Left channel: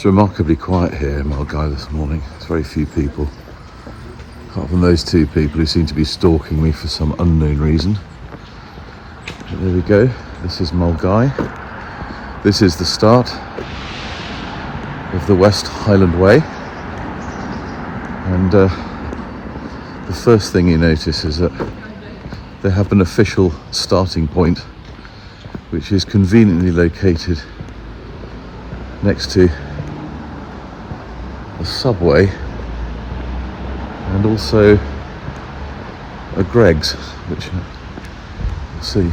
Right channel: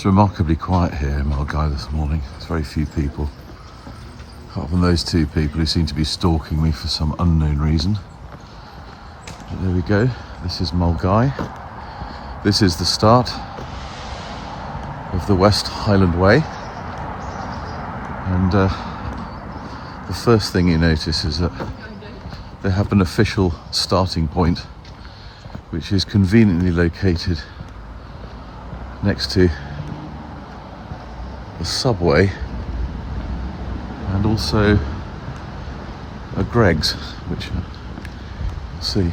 It's remarkably quiet here in Mulgai this morning. Very few people. Apart from those two people who seem to be stalking me for some unknown reason. But there we go. This is Mulgai. This is the start of the West Highland Way. And the first thing you notice is that they have an official starting point, which is conveniently located next to a subway and also a Greggs, which you'll see.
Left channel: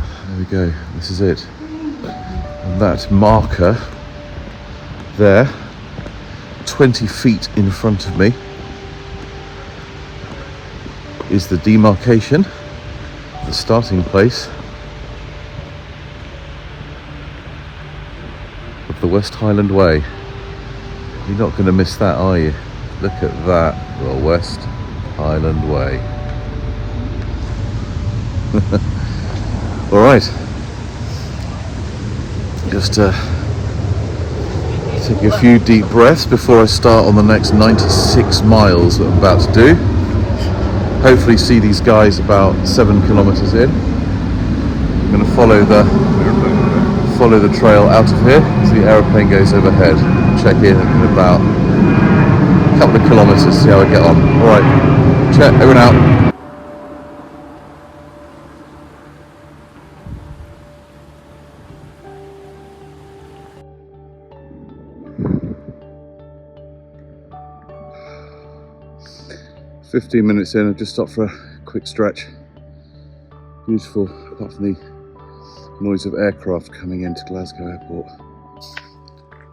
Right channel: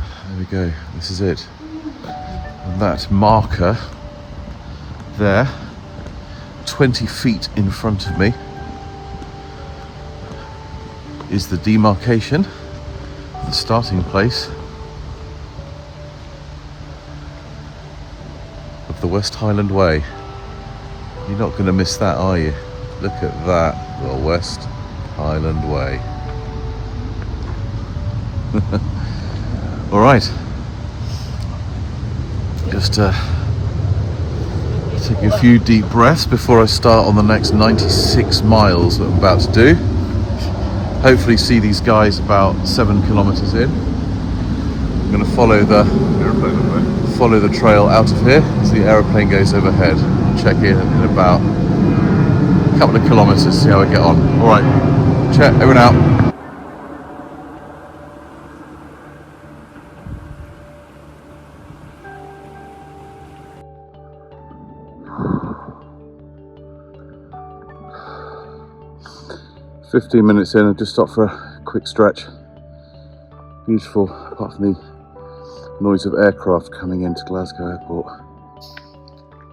There we go, this is it. And that marker there, 20 feet in front of me, is the demarcation, the starting place of the West Highland Way. You're not going to miss that, are you? Look at that, the West Highland Way. All right, just take a few deep breaths before I start on the next 96 miles that I'm about to do. Hopefully see these guys about 7 kilometers in. I'm going to follow the trail out of here as the aeroplane goes overhead. Check in about a couple of kilometers, see how I get on. Alright, check, over and out. "15 minutes in, I've just stopped for a quick stretch. Beautiful, apart from the noise of aircraft coming into Glasgow Airport.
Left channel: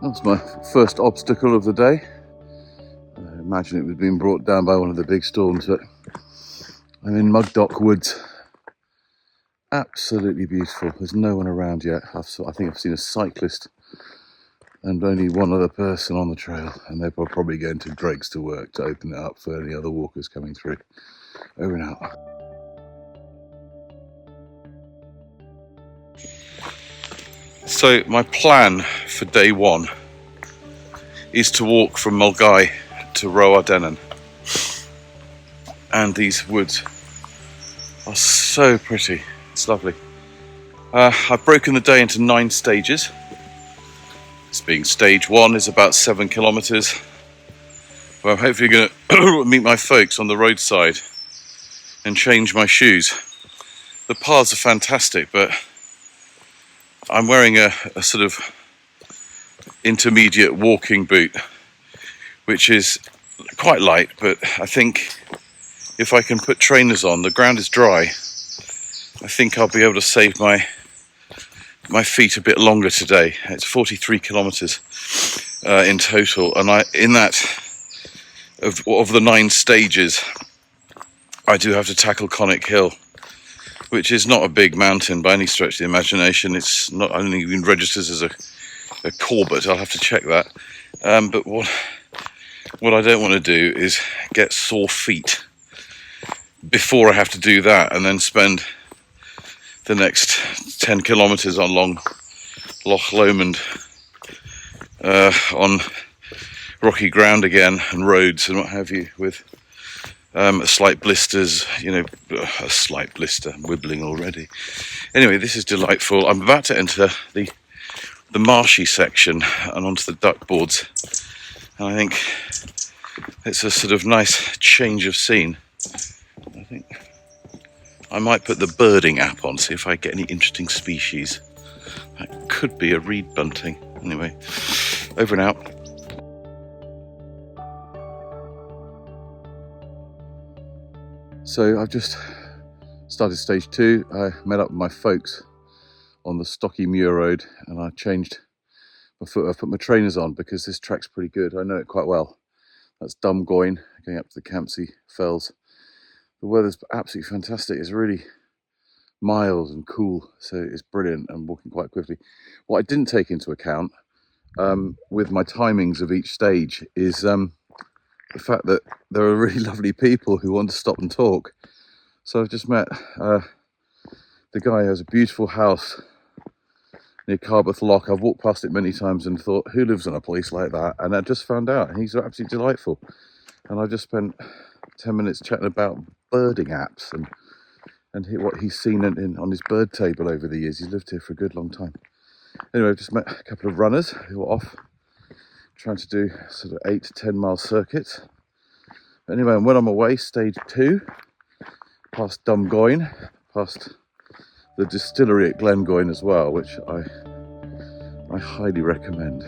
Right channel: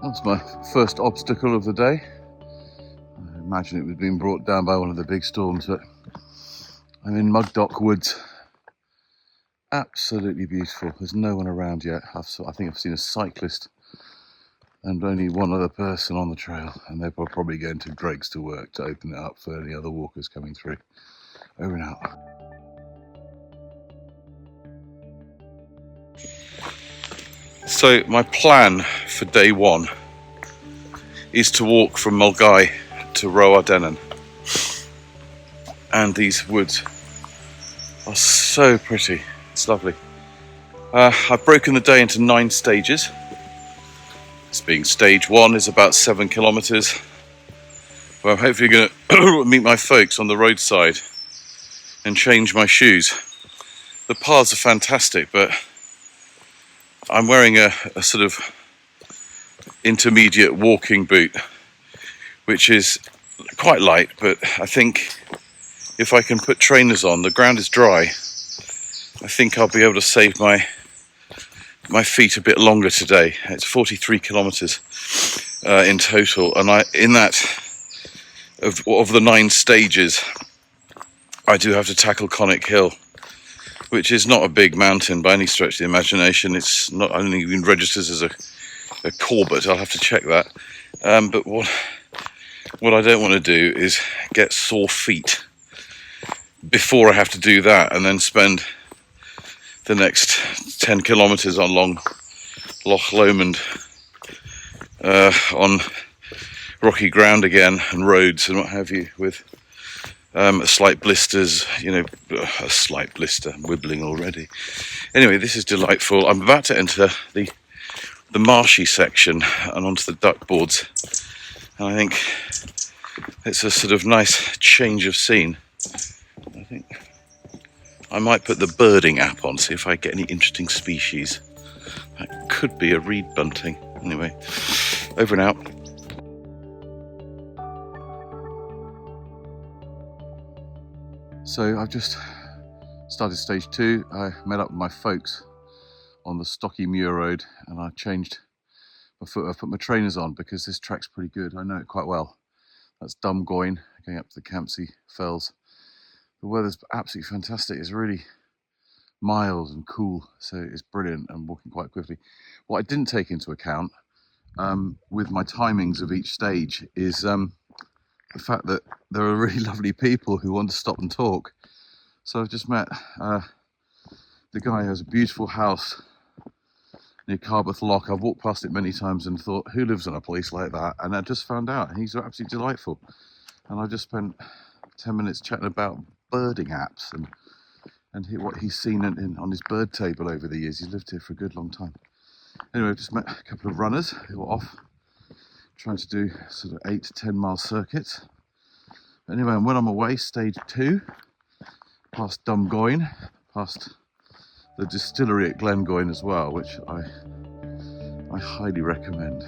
That's my first obstacle of the day. I imagine it was being brought down by one of the big storms, but I'm in Mugdock Woods. Absolutely beautiful. There's no one around yet. I think I've seen a cyclist and only one other person on the trail, and they're probably going to Greggs to work to open it up for any other walkers coming through. Over and out. So my plan for day one is to walk from Mulgai to Roardennen. And these woods are so pretty. It's lovely. I've broken the day into 9 stages. This being stage 1 is about 7 kilometers. Well, I'm hopefully going to meet my folks on the roadside and change my shoes. The paths are fantastic, but I'm wearing a sort of intermediate walking boot, which is quite light, but I think if I can put trainers on, the ground is dry, I think I'll be able to save my feet a bit longer today. It's 43 kilometers in total, and in that, of the 9 stages, I do have to tackle Conic Hill, which is not a big mountain by any stretch of the imagination. It's not only even registers as a Corbett. I'll have to check that. But what I don't want to do is get sore feet before I have to do that, and then spend the next 10 kilometres on Long Loch Lomond on rocky ground again and roads and what have you, with slight blisters, a slight blister, I'm wibbling already. Anyway, this is delightful. I'm about to enter the marshy section and onto the duck boards, and I think it's a sort of nice change of scene. I think I might put the birding app on, see if I get any interesting species. That could be a reed bunting. Anyway, over and out. So I've just started stage 2. I met up with my folks on the Stocky Muir Road, and I changed my foot. I've put my trainers on because this track's pretty good. I know it quite well. That's Dumgoyne, going up to the Campsie Fells. The weather's absolutely fantastic. It's really mild and cool, so it's brilliant. I'm walking quite quickly. What I didn't take into account with my timings of each stage is the fact that there are really lovely people who want to stop and talk. So I've just met the guy who has a beautiful house near Carbeth Lock. I've walked past it many times and thought, who lives in a place like that? And I just found out he's absolutely delightful. And I just spent 10 minutes chatting about birding apps and what he's seen on his bird table over the years. He's lived here for a good long time. Anyway, I've just met a couple of runners who are off trying to do sort of 8 to 10 mile circuits. Anyway, and when I'm away, stage 2, past Dumgoyne, past the distillery at Glengoyne as well, which I highly recommend.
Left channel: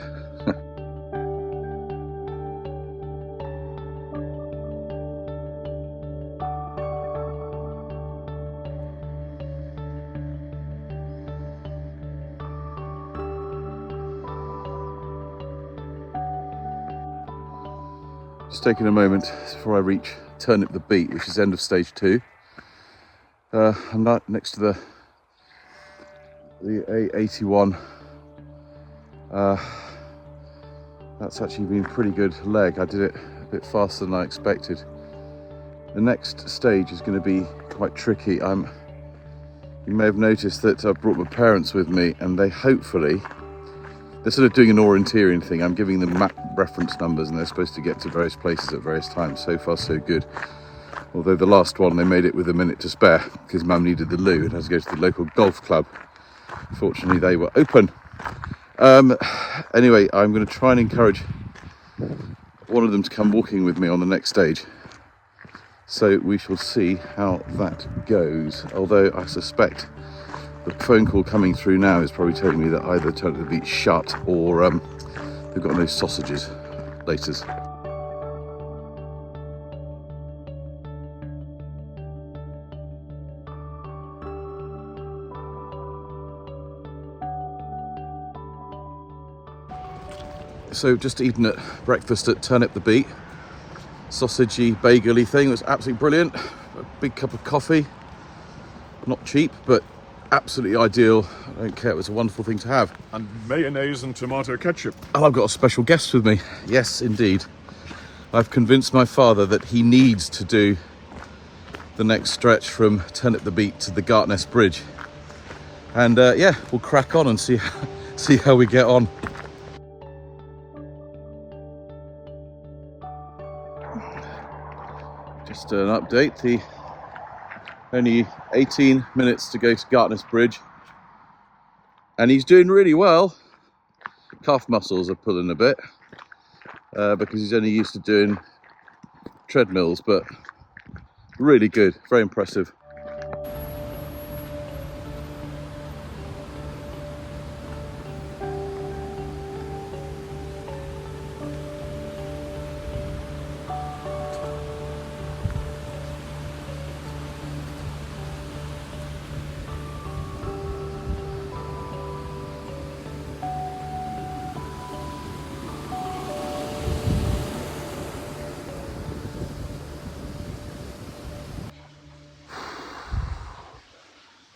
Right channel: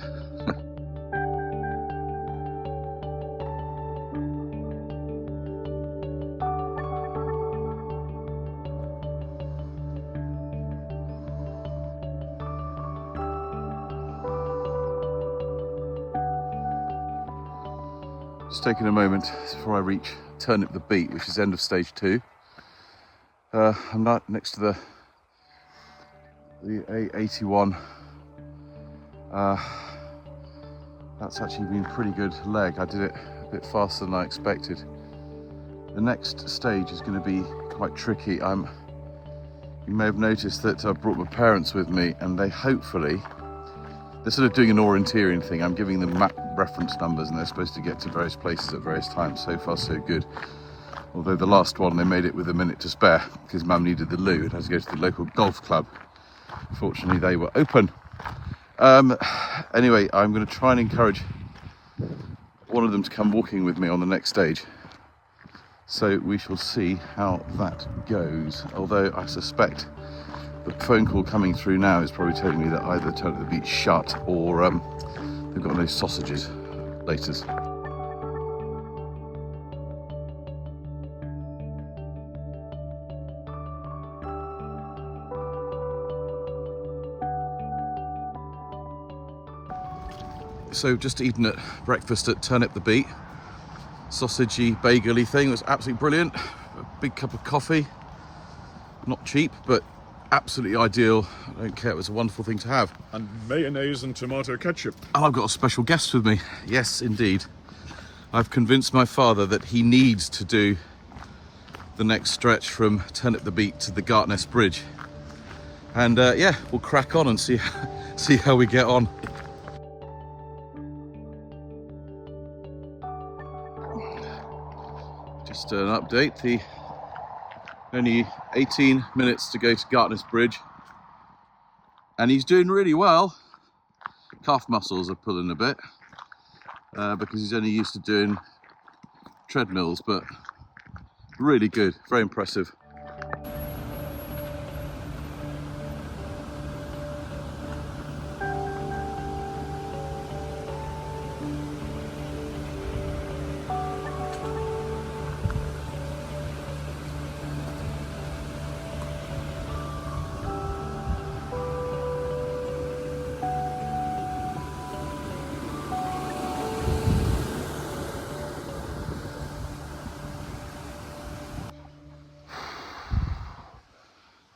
Just taking a moment before I reach Turnip the Beat, which is end of stage 2. I'm not next to the A81. That's actually been a pretty good leg. I did it a bit faster than I expected. The next stage is going to be quite tricky. You may have noticed that I brought my parents with me, and they're sort of doing an orienteering thing. I'm giving them map reference numbers and they're supposed to get to various places at various times. So far so good. Although the last one they made it with a minute to spare because Mum needed the loo and had to go to the local golf club. Fortunately they were open. Anyway, I'm going to try and encourage one of them to come walking with me on the next stage. So we shall see how that goes. Although I suspect the phone call coming through now is probably telling me that either Turnip the Beat's shut or they've got no sausages. Laters. So just eaten at breakfast at Turnip the Beat. Sausagey, bagely thing. It was absolutely brilliant. A big cup of coffee. Not cheap, but absolutely ideal. I don't care, it was a wonderful thing to have. And mayonnaise and tomato ketchup. And I've got a special guest with me. Yes, indeed. I've convinced my father that he needs to do the next stretch from Turnip the Beat to the Gartness Bridge. And yeah, we'll crack on and see how we get on. Just an update, only 18 minutes to go to Gartness Bridge. And he's doing really well. Calf muscles are pulling a bit because he's only used to doing treadmills, but really good, very impressive.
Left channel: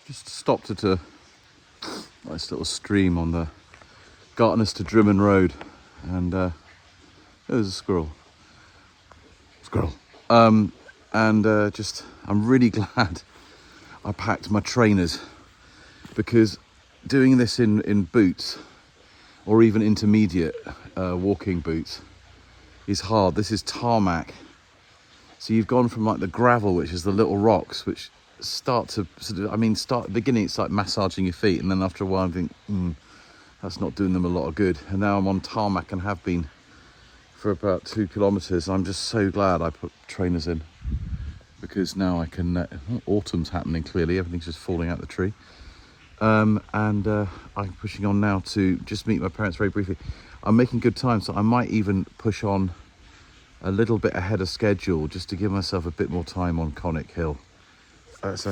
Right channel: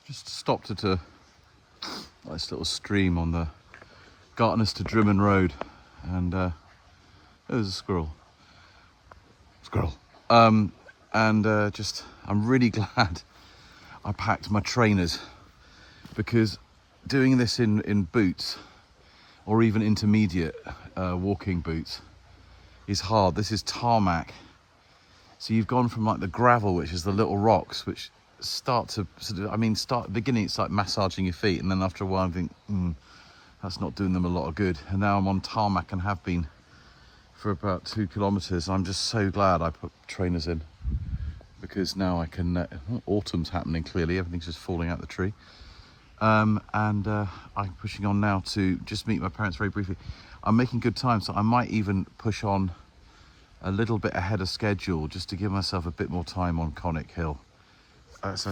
Just stopped at a nice little stream on the Gartness to Drimmen Road, and there's a squirrel. I'm really glad I packed my trainers, because doing this in boots or even intermediate walking boots is hard. This is tarmac, so you've gone from like the gravel, which is the little rocks, which start to sort of, start at the beginning it's like massaging your feet, and then after a while I think that's not doing them a lot of good. And now I'm on tarmac and have been for about 2 kilometers. I'm just so glad I put trainers in, because now I can autumn's happening, clearly everything's just falling out the tree. I'm pushing on now to just meet my parents very briefly. I'm making good time, so I might even push on a little bit ahead of schedule just to give myself a bit more time on Conic Hill. It's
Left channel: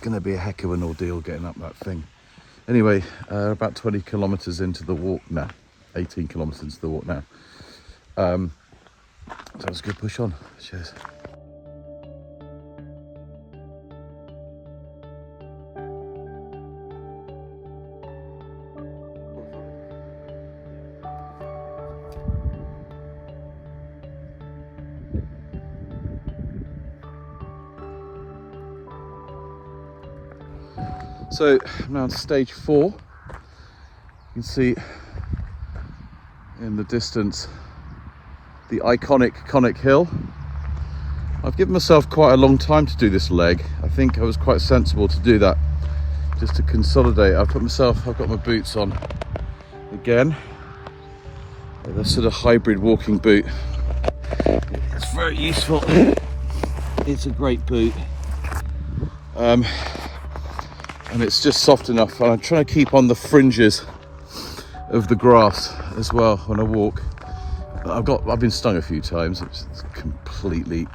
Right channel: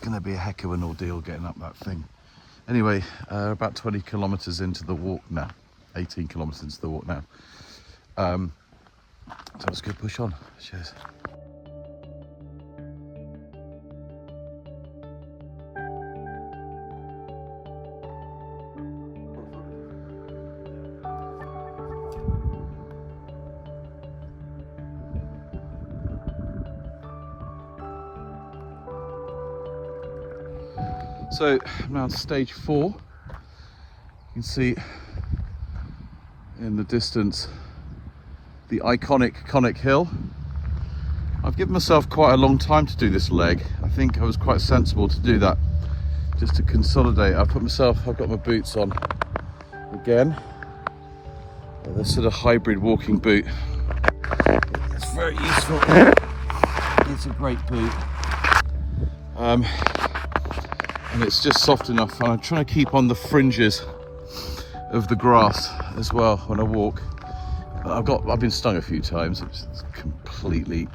going to be a heck of an ordeal getting up that thing. Anyway, about 20 kilometres into the walk now, 18 kilometres into the walk now. So let's go push on. Cheers. So I'm now on stage 4. You can see in the distance the iconic Conic Hill. I've given myself quite a long time to do this leg. I think I was quite sensible to do that, just to consolidate. I've got my boots on again, with a sort of hybrid walking boot. It's very useful. It's a great boot. And it's just soft enough. And I'm trying to keep on the fringes of the grass as well when I walk. I've been stung a few times. It's completely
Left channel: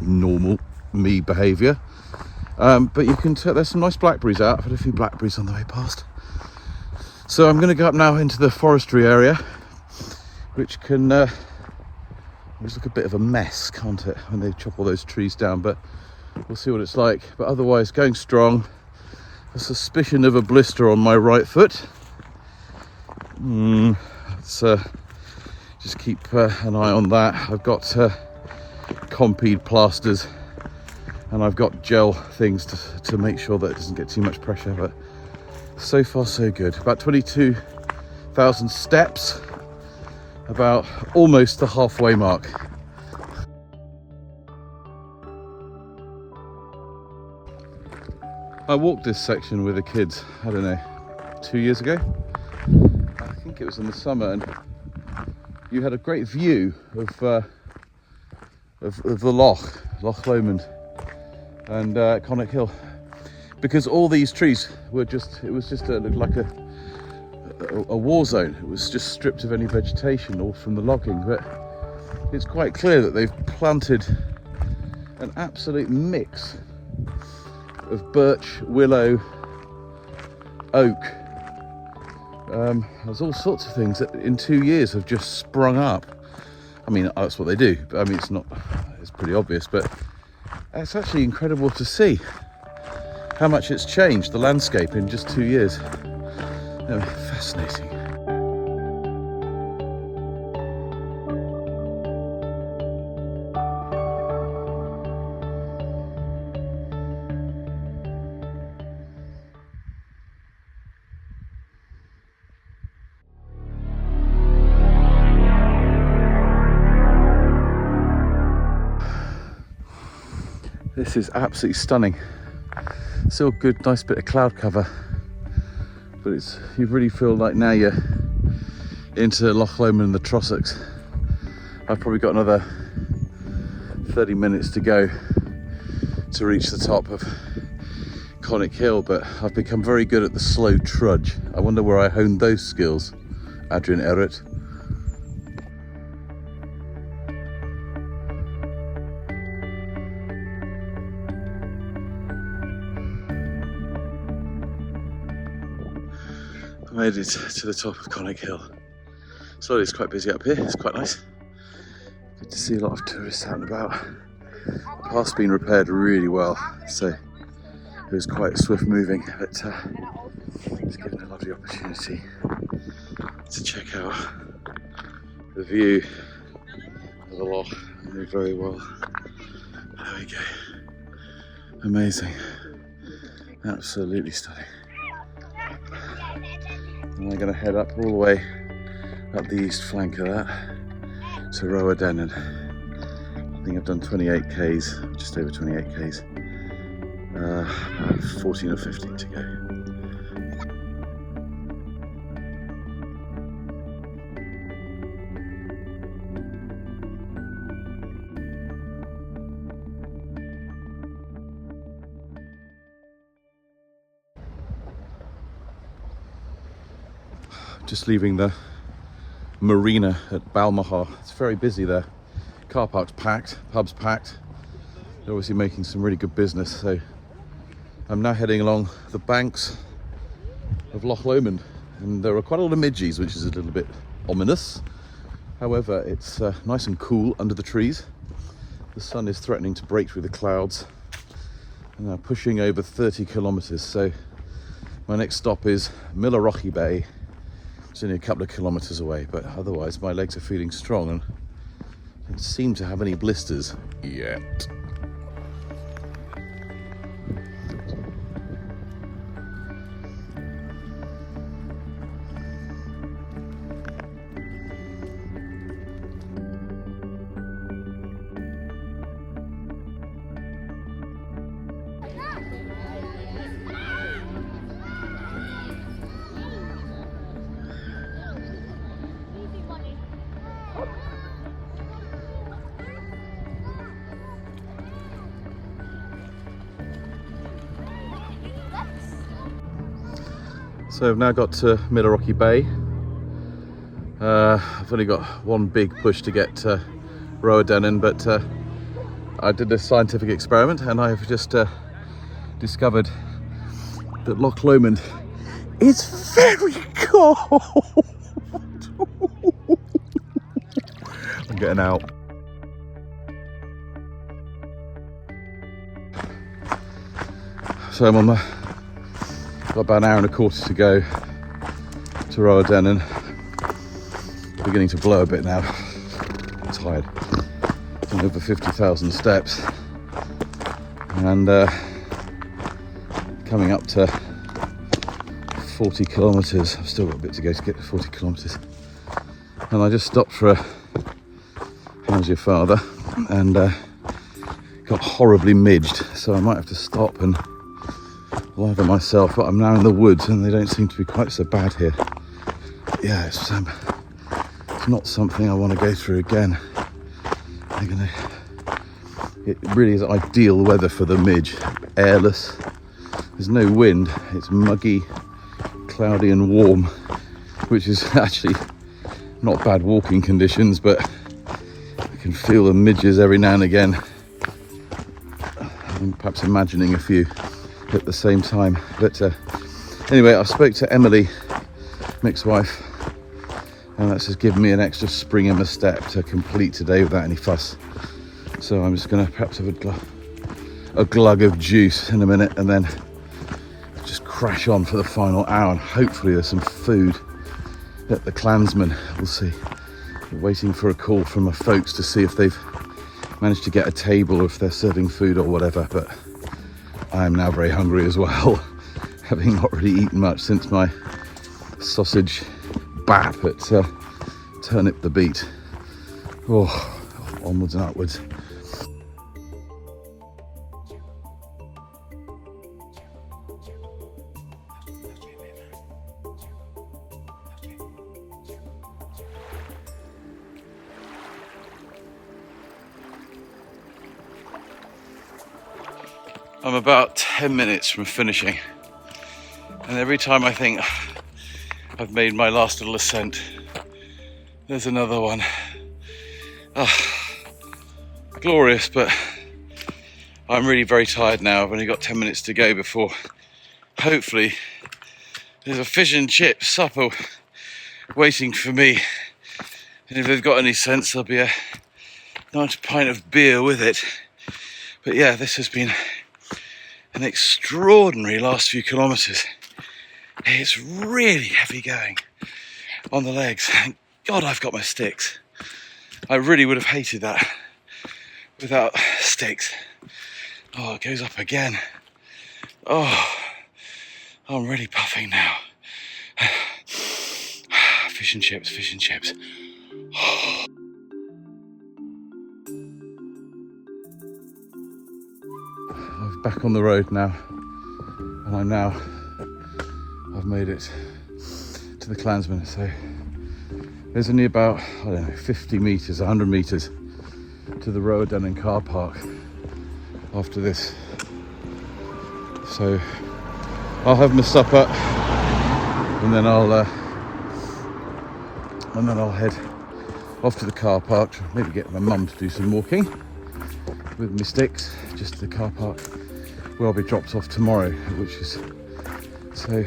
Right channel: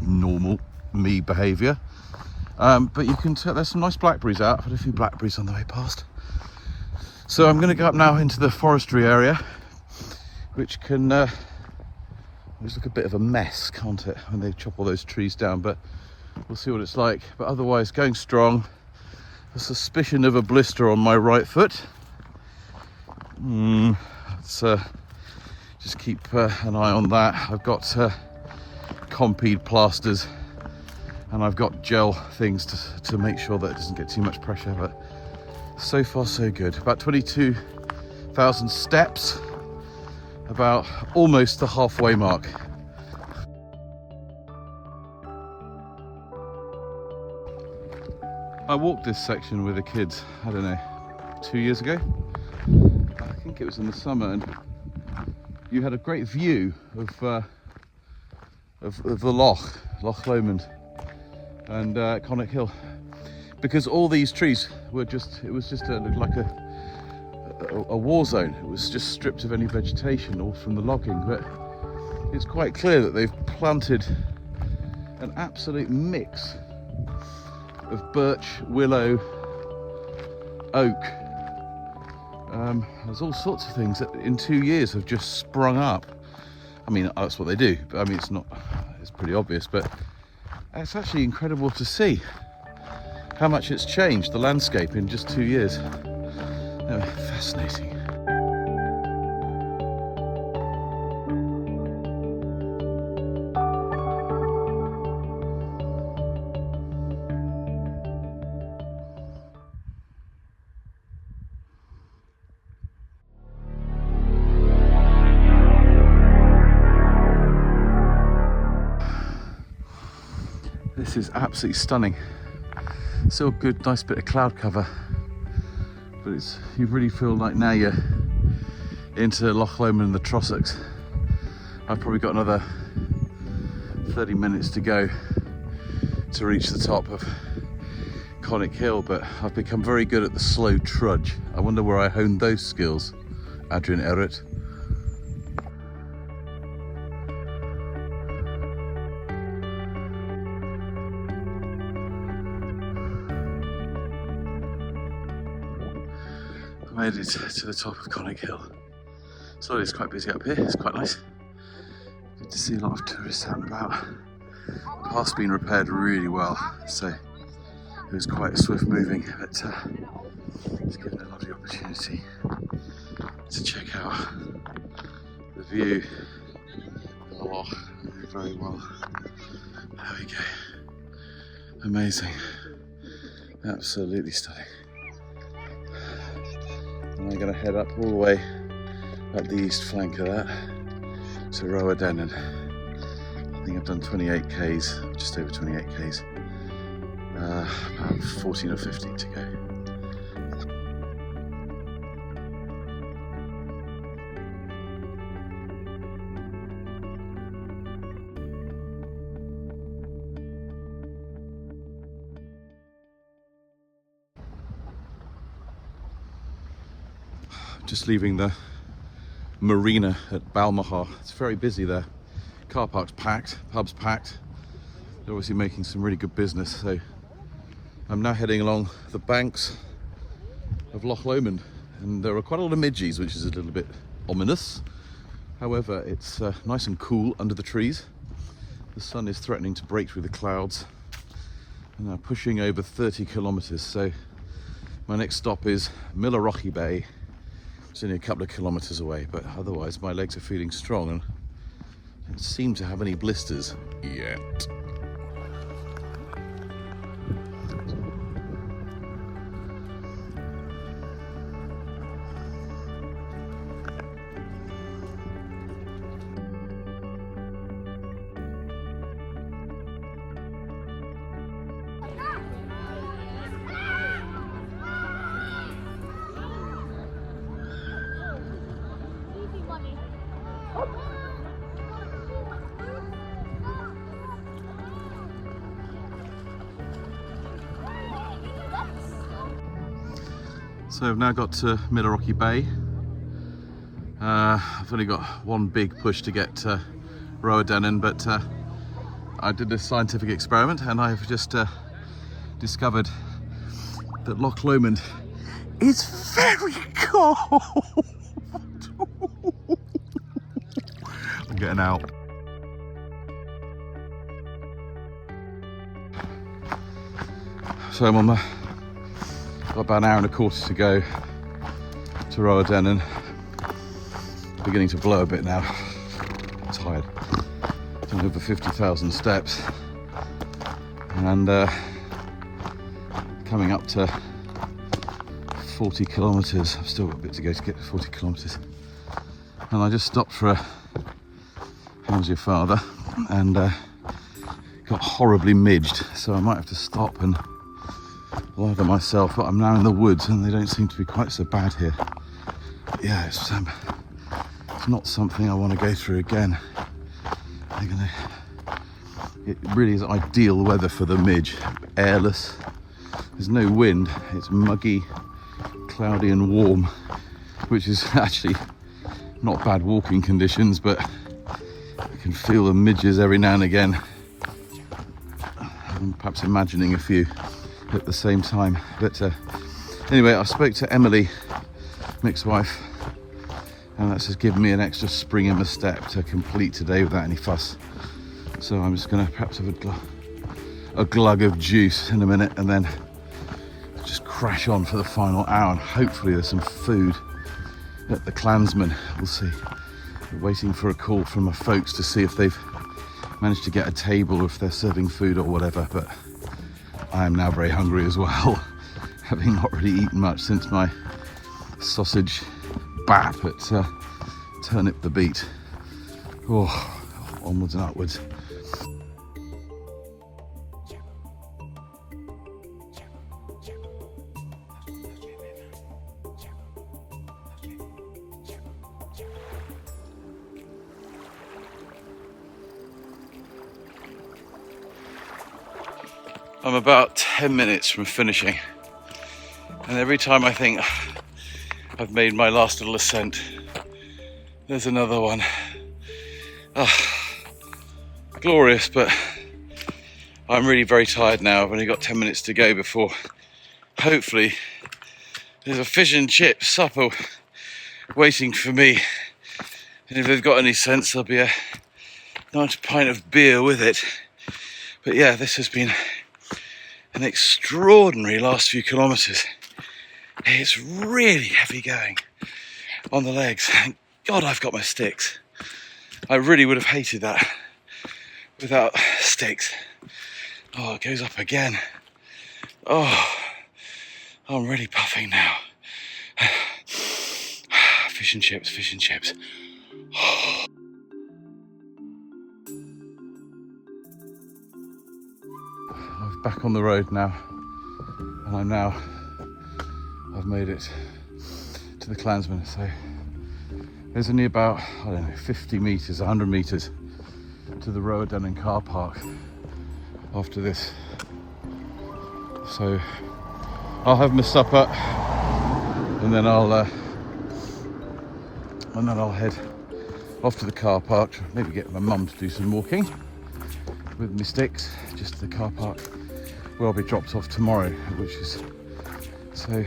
normal me behaviour. But you can tell there's some nice blackberries out. I've had a few blackberries on the way past. So I'm going to go up now into the forestry area, which can always look a bit of a mess, can't it, when they chop all those trees down, but we'll see what it's like. But otherwise, going strong. A suspicion of a blister on my right foot. Let's just keep an eye on that. I've got Compeed plasters, and I've got gel things to make sure that it doesn't get too much pressure, but so far so good. About 22,000 steps, about almost the halfway mark. I walked this section with the kids, I don't know, 2 years ago. I think it was in the summer, and you had a great view of the Loch Lomond and Conic Hill, because all these trees were looked like a war zone. It was just stripped of any vegetation, all from the logging. But it's quite clear that they've planted an absolute mix of birch, willow, oak. There's all sorts of things that in 2 years have just sprung up. I mean, that's what they do, but I mean, it's pretty obvious, but it's actually incredible to see how much it's changed, the landscape, in just 2 years. Fascinating. This is absolutely stunning. Still good, nice bit of cloud cover, but you really feel like now you're into Loch Lomond and the Trossachs. I've probably got another 30 minutes to go to reach the top of Conic Hill, but I've become very good at the slow trudge. I wonder where I honed those skills, Adrian Errett. Made it to the top of Conic Hill. So it's quite busy up here, it's quite nice. Good to see a lot of tourists out and about. The path's been repaired really well, so it was quite swift moving, but it's given a lovely opportunity to check out the view of the loch very well. There we go. Amazing. Absolutely stunning. And we're going to head up all the way up the east flank of that to Roadennan. I think I've done 28 k's, just over 28 k's. About 14 or 15 to go. Just leaving the marina at Balmaha. It's very busy there. Car park's packed, pub's packed. They're obviously making some really good business. So I'm now heading along the banks of Loch Lomond, and there are quite a lot of midges, which is a little bit ominous. However, it's nice and cool under the trees. The sun is threatening to break through the clouds, and I'm pushing over 30 kilometers. So my next stop is Millerochy Bay. It's only a couple of kilometers away, but otherwise my legs are feeling strong and don't seem to have any blisters yet. So I've now got to Millerrocky Bay. I've only got one big push to get to Roadennan, but I did a scientific experiment and I've just discovered that Loch Lomond is very cold. I'm getting out. So I'm on got about an hour and a quarter to go to Roadennan. Beginning to blow a bit now. I'm tired. I'm over 50,000 steps and coming up to 40 kilometres. I've still got a bit to go to get to 40 kilometres. And I just stopped for a how's your father and got horribly midged, so I might have to stop and lather myself. But I'm now in the woods and they don't seem to be quite so bad here. Yeah, it's not something I want to go through again. It really is ideal weather for the midge. Airless, there's no wind, it's muggy, cloudy and warm, which is actually not bad walking conditions, but I can feel the midges every now and again. I'm perhaps imagining a few at the same time. But anyway, I spoke to Emily, Mick's wife, and that's just given me an extra spring in my step to complete today without any fuss. So I'm just going to perhaps have a glug of juice in a minute and then just crash on for the final hour, and hopefully there's some food at the Clansman. We'll see. We're waiting for a call from my folks to see if they've managed to get a table or if they're serving food or whatever, but I am now very hungry as well, having not really eaten much since my sausage bat at Turnip the Beat. Oh, onwards and upwards. I'm about 10 minutes from finishing, and every time I think I've made my last little ascent, there's another one. Glorious, but I'm really very tired now. I've only got 10 minutes to go before hopefully there's a fish and chip supper waiting for me, and if they've got any sense there'll be a nice pint of beer with it. But yeah, this has been an extraordinary last few kilometres. It's really heavy going on the legs. Thank God I've got my sticks. I really would have hated that without sticks. Oh, it goes up again. Oh, I'm really puffing now. Fish and chips, fish and chips. I'm back on the road now, and I've made it to the Clansman. So there's only about, I don't know, 50 metres, 100 metres to the Roadennan car park after this. So I'll have my supper and then I'll head off to the car park, maybe get my mum to do some walking with my sticks, just to the car park where I'll be dropped off tomorrow, which is, so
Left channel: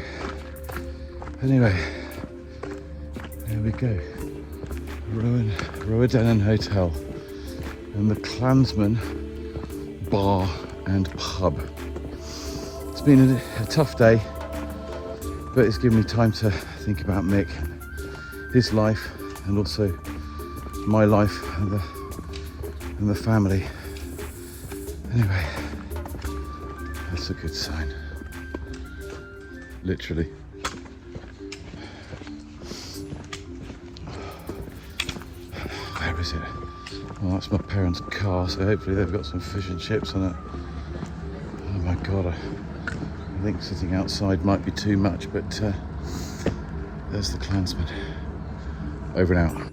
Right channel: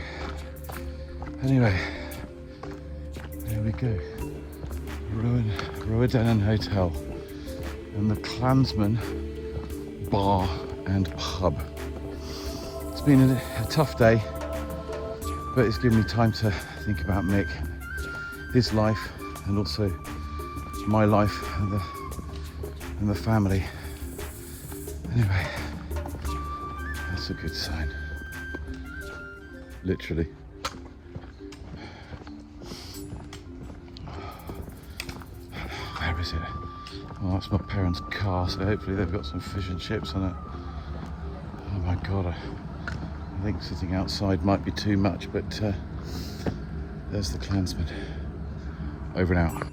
anyway, there we go. Roadennan Hotel and the Clansman Bar and Pub. It's been a tough day, but it's given me time to think about Mick, his life, and also my life and the family. Anyway, that's a good sign, literally. Where is it? Well, that's my parents' car, so hopefully they've got some fish and chips on it. Oh my God, I think sitting outside might be too much, but there's the Clansman. Over and out.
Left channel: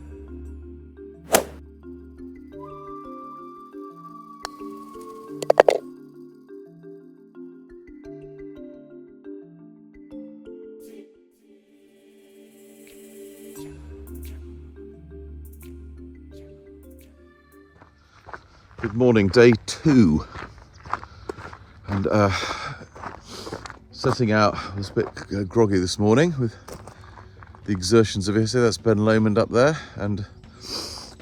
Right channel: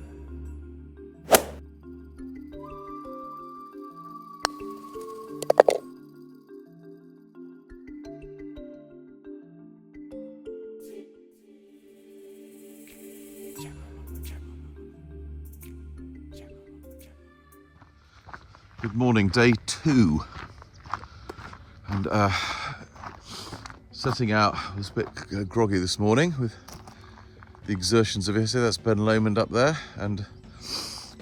Good morning, day 2. And setting out, I was a bit groggy this morning with the exertions of yesterday. That's Ben Lomond up there, and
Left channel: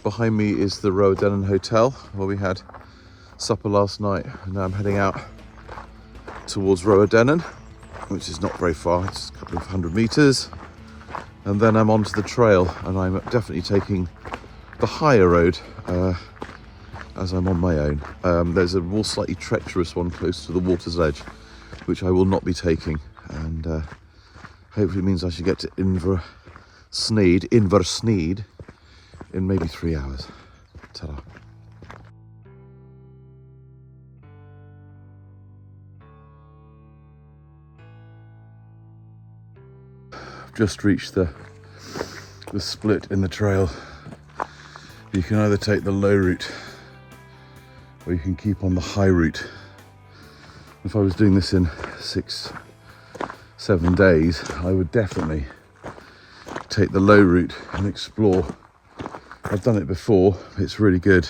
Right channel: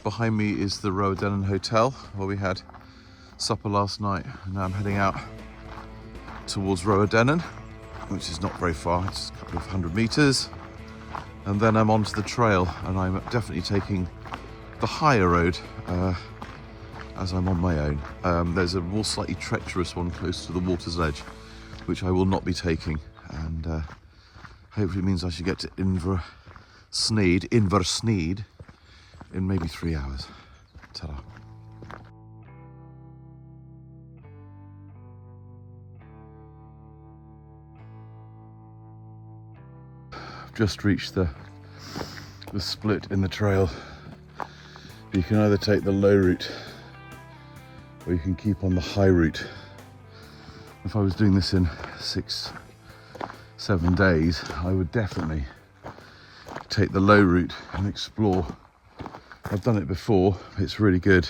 behind me is the Roedennen Hotel where we had supper last night. And now I'm heading out towards Roedennen, which is not very far, it's a couple of 100 metres. And then I'm onto the trail, and I'm definitely taking the higher road as I'm on my own. There's a more slightly treacherous one close to the water's edge, which I will not be taking, and hopefully means I should get to Inversneed in maybe 3 hours. Ta-da. I've just reached the split in the trail. You can either take the low route or you can keep on the high route. If I was doing this in 6-7 days, I would definitely take the low route and explore. I've done it before, it's really good.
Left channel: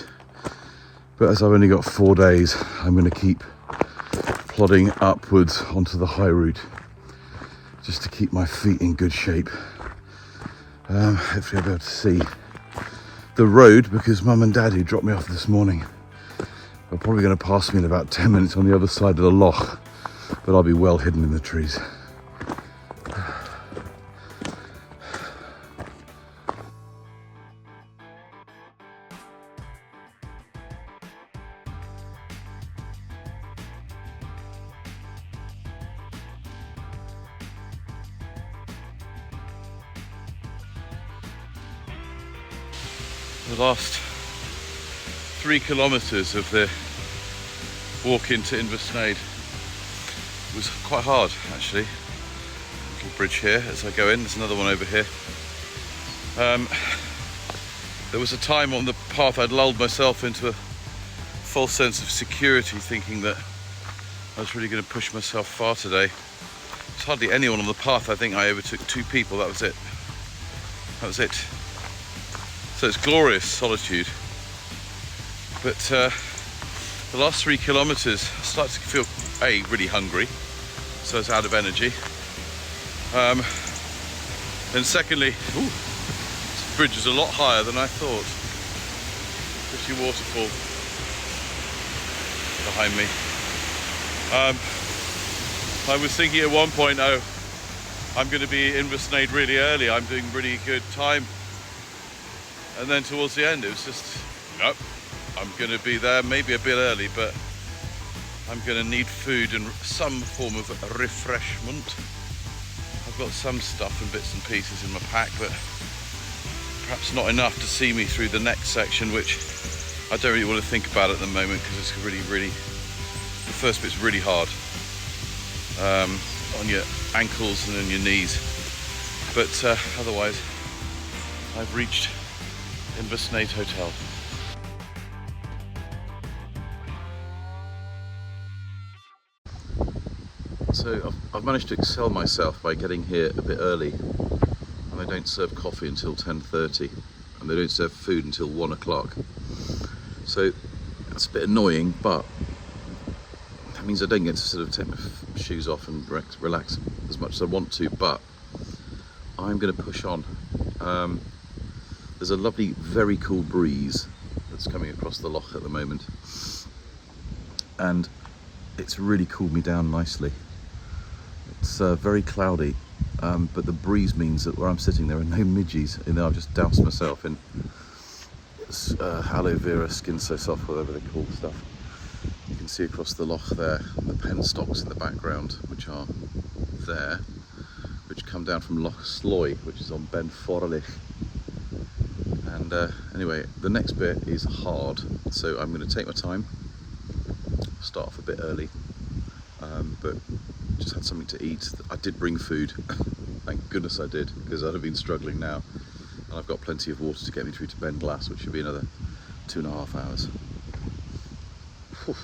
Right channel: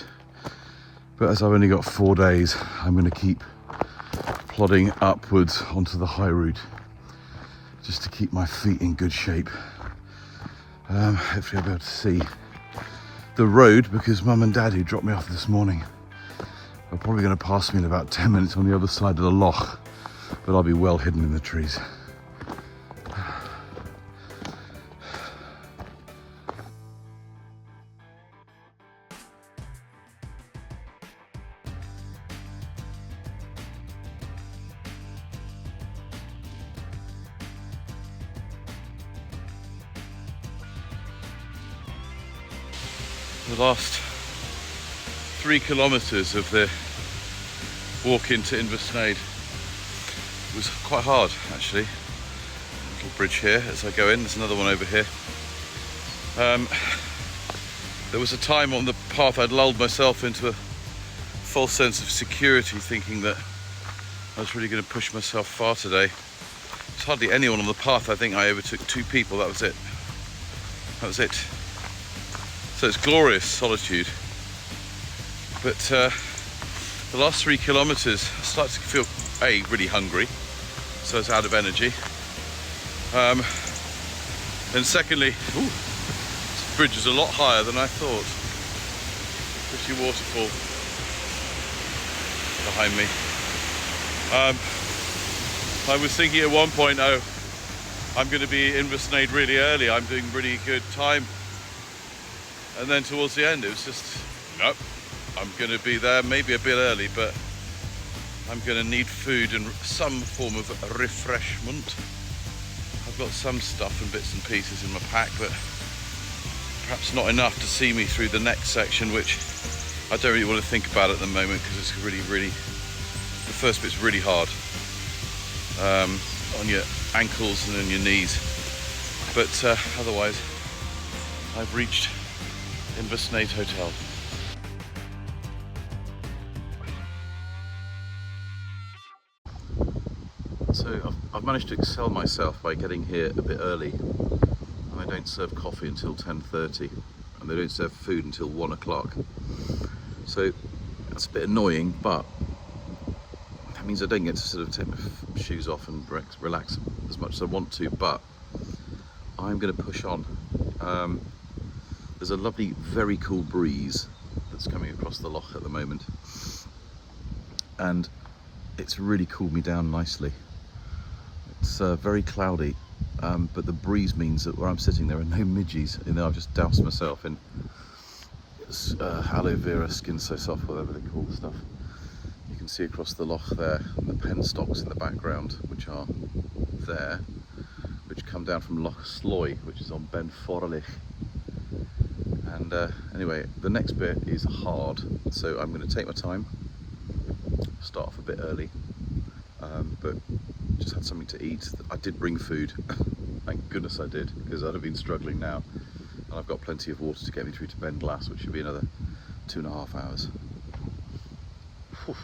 But as I've only got 4 days, I'm going to keep plodding upwards onto the high route just to keep my feet in good shape. Hopefully I'll be able to see the road, because Mum and Dad, who dropped me off this morning, are probably going to pass me in about 10 minutes on the other side of the loch, but I'll be well hidden in the trees. The last 3 kilometres of the walk into Inversneid was quite hard, actually. Little bridge here as I go in, there's another one over here. There was a time on the path I'd lulled myself into a false sense of security, thinking that I was really going to push myself far today. There's hardly anyone on the path. I think I overtook 2 people, that was it. That was it. So it's glorious solitude, but the last 3 kilometres I started to feel really hungry, so I was out of energy, and secondly, this bridge is a lot higher than I thought. Pretty waterfall behind me. I was thinking at one point, oh, I'm going to be in Inversneid really early, I'm doing really good time. And then towards the end, it was just, nope, I'm going to be there maybe a bit early, but I'm going to need food and some form of refreshment. I've got some stuff and bits and pieces in my pack, but perhaps not enough to see me through the next section, which I don't really want to think about at the moment, because it's really, the first bit's really hard on your ankles and on your knees. But otherwise, I've reached Inversneid Hotel. So I've managed to excel myself by getting here a bit early, and they don't serve coffee until 10:30, and they don't serve food until 1 o'clock. So that's a bit annoying, but that means I don't get to sort of take my shoes off and relax as much as I want to, but I'm going to push on. There's a lovely, very cool breeze that's coming across the loch at the moment, and it's really cooled me down nicely. It's very cloudy, but the breeze means that where I'm sitting there are no midges, and I've just doused myself in aloe vera skin so soft, whatever they call stuff. You can see across the loch there, the penstocks in the background, which are there, which come down from Loch Sloy, which is on Ben Forlich. And anyway, the next bit is hard, so I'm going to take my time, start off a bit early, but just had something to eat. I did bring food, thank goodness I did, because I'd have been struggling now, and I've got plenty of water to get me through to Ben Glass, which should be another 2.5 hours. Whew.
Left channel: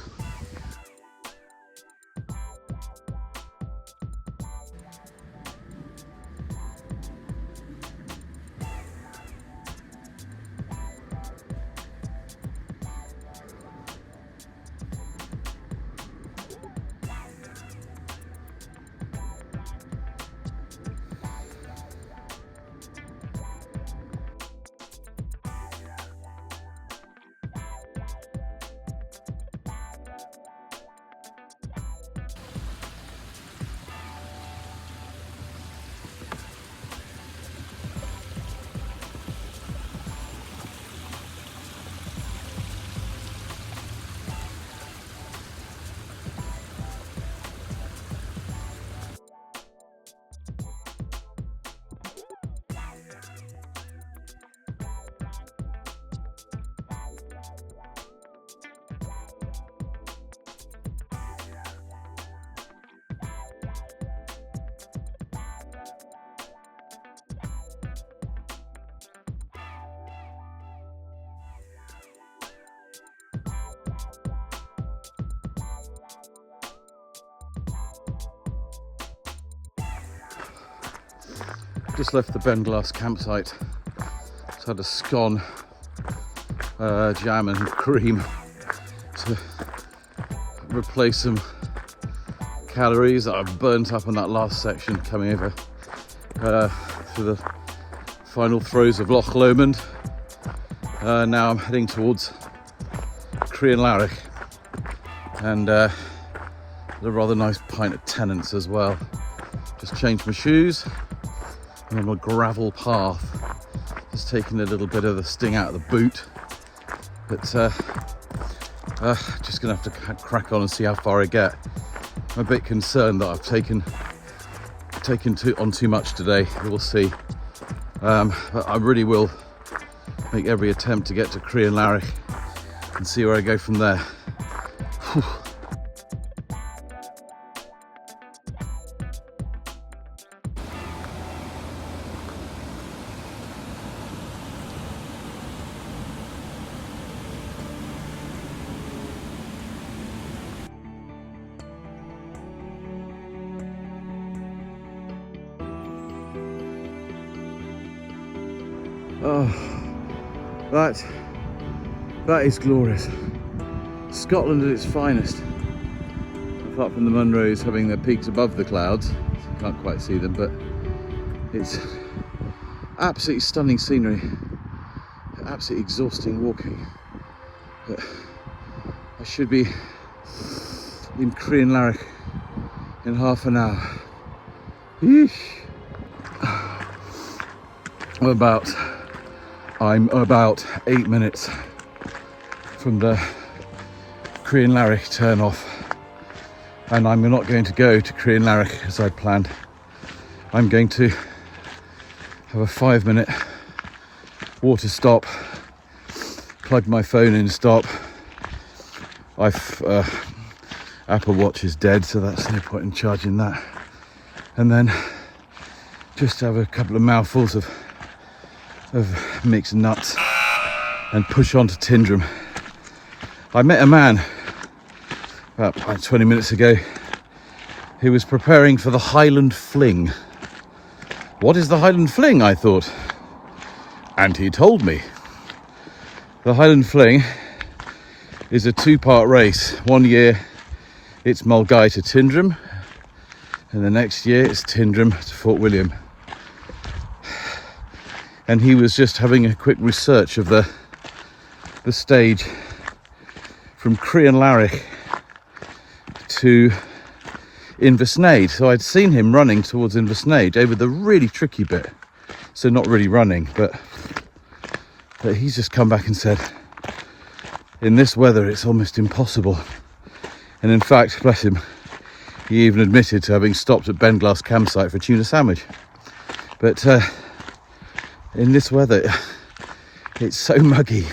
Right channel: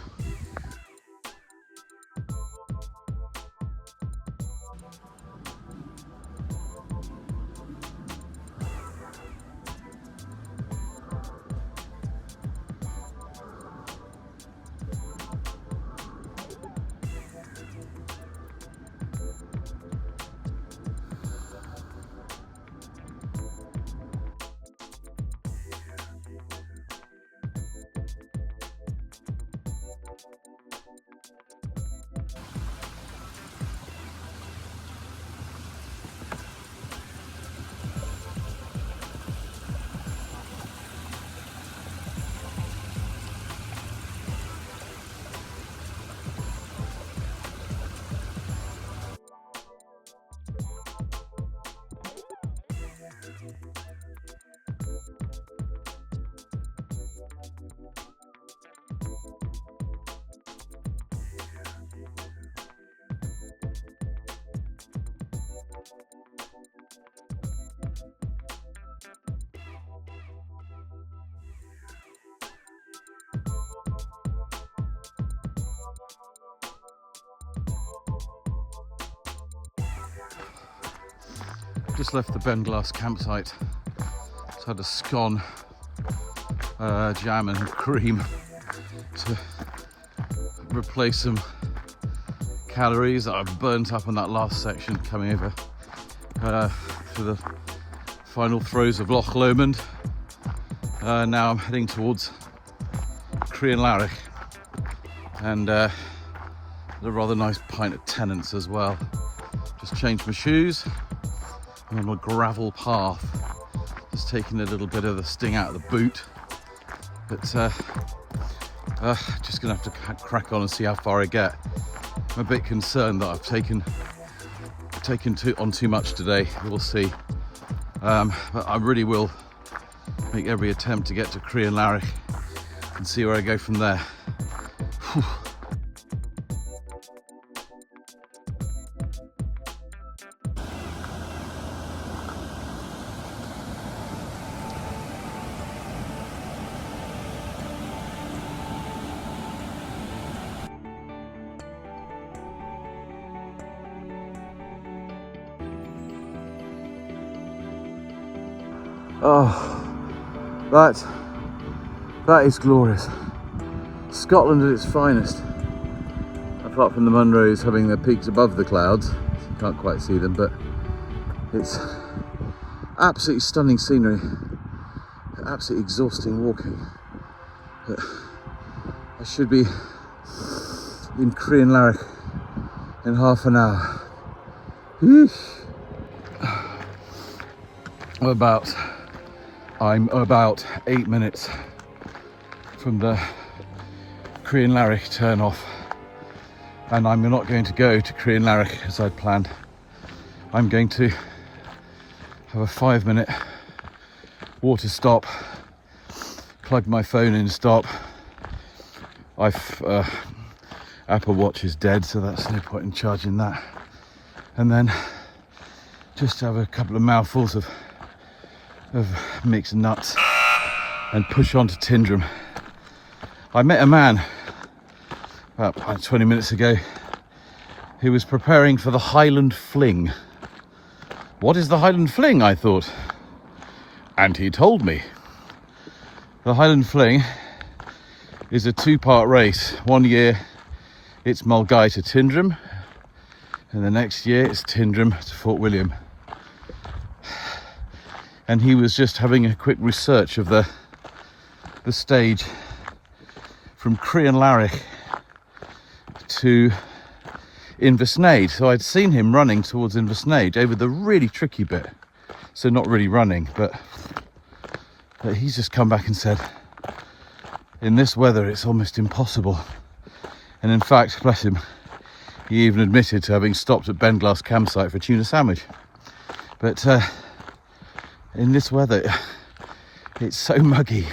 Just left the Benglass campsite. Just had a scone, jam and cream to replace some calories that I've burnt up on that last section coming over through the final throes of Loch Lomond. Now I'm heading towards Crianlarich and a rather nice pint of Tennant's as well. Just changed my shoes. I'm on a gravel path, just taking a little bit of the sting out of the boot, but just gonna have to crack on and see how far I get. I'm a bit concerned that I've taken on too much today. We'll see, but I really will make every attempt to get to Crianlarich and see where I go from there. Whew. Oh, that is glorious. Scotland at its finest. Apart from the Munros having their peaks above the clouds, so you can't quite see them, but it's absolutely stunning scenery. Absolutely exhausting walking. But I should be in Crianlarich in half an hour. Yeesh. I'm about 8 minutes from the Crianlarich turn off, and I'm not going to go to Crianlarich as I'd planned. I'm going to have a 5-minute water stop, plug my phone in, stop. Apple Watch is dead, so that's no point in charging that, and then just have a couple of mouthfuls of Mick's nuts and push on to Tindrum. I met a man about 20 minutes ago who was preparing for the Highland Fling. What is the Highland Fling, I thought? And he told me. The Highland Fling is a 2-part race. One year it's Mulgai to Tindrum, and the next year it's Tindrum to Fort William. And he was just having a quick research of the stage from Crianlarich to Inversnaid. So I'd seen him running towards Inversnaid over the really tricky bit. So not really running, but he's just come back and said, in this weather it's almost impossible. And in fact, bless him, he even admitted to having stopped at Benglass campsite for a tuna sandwich. But in this weather, it's so muggy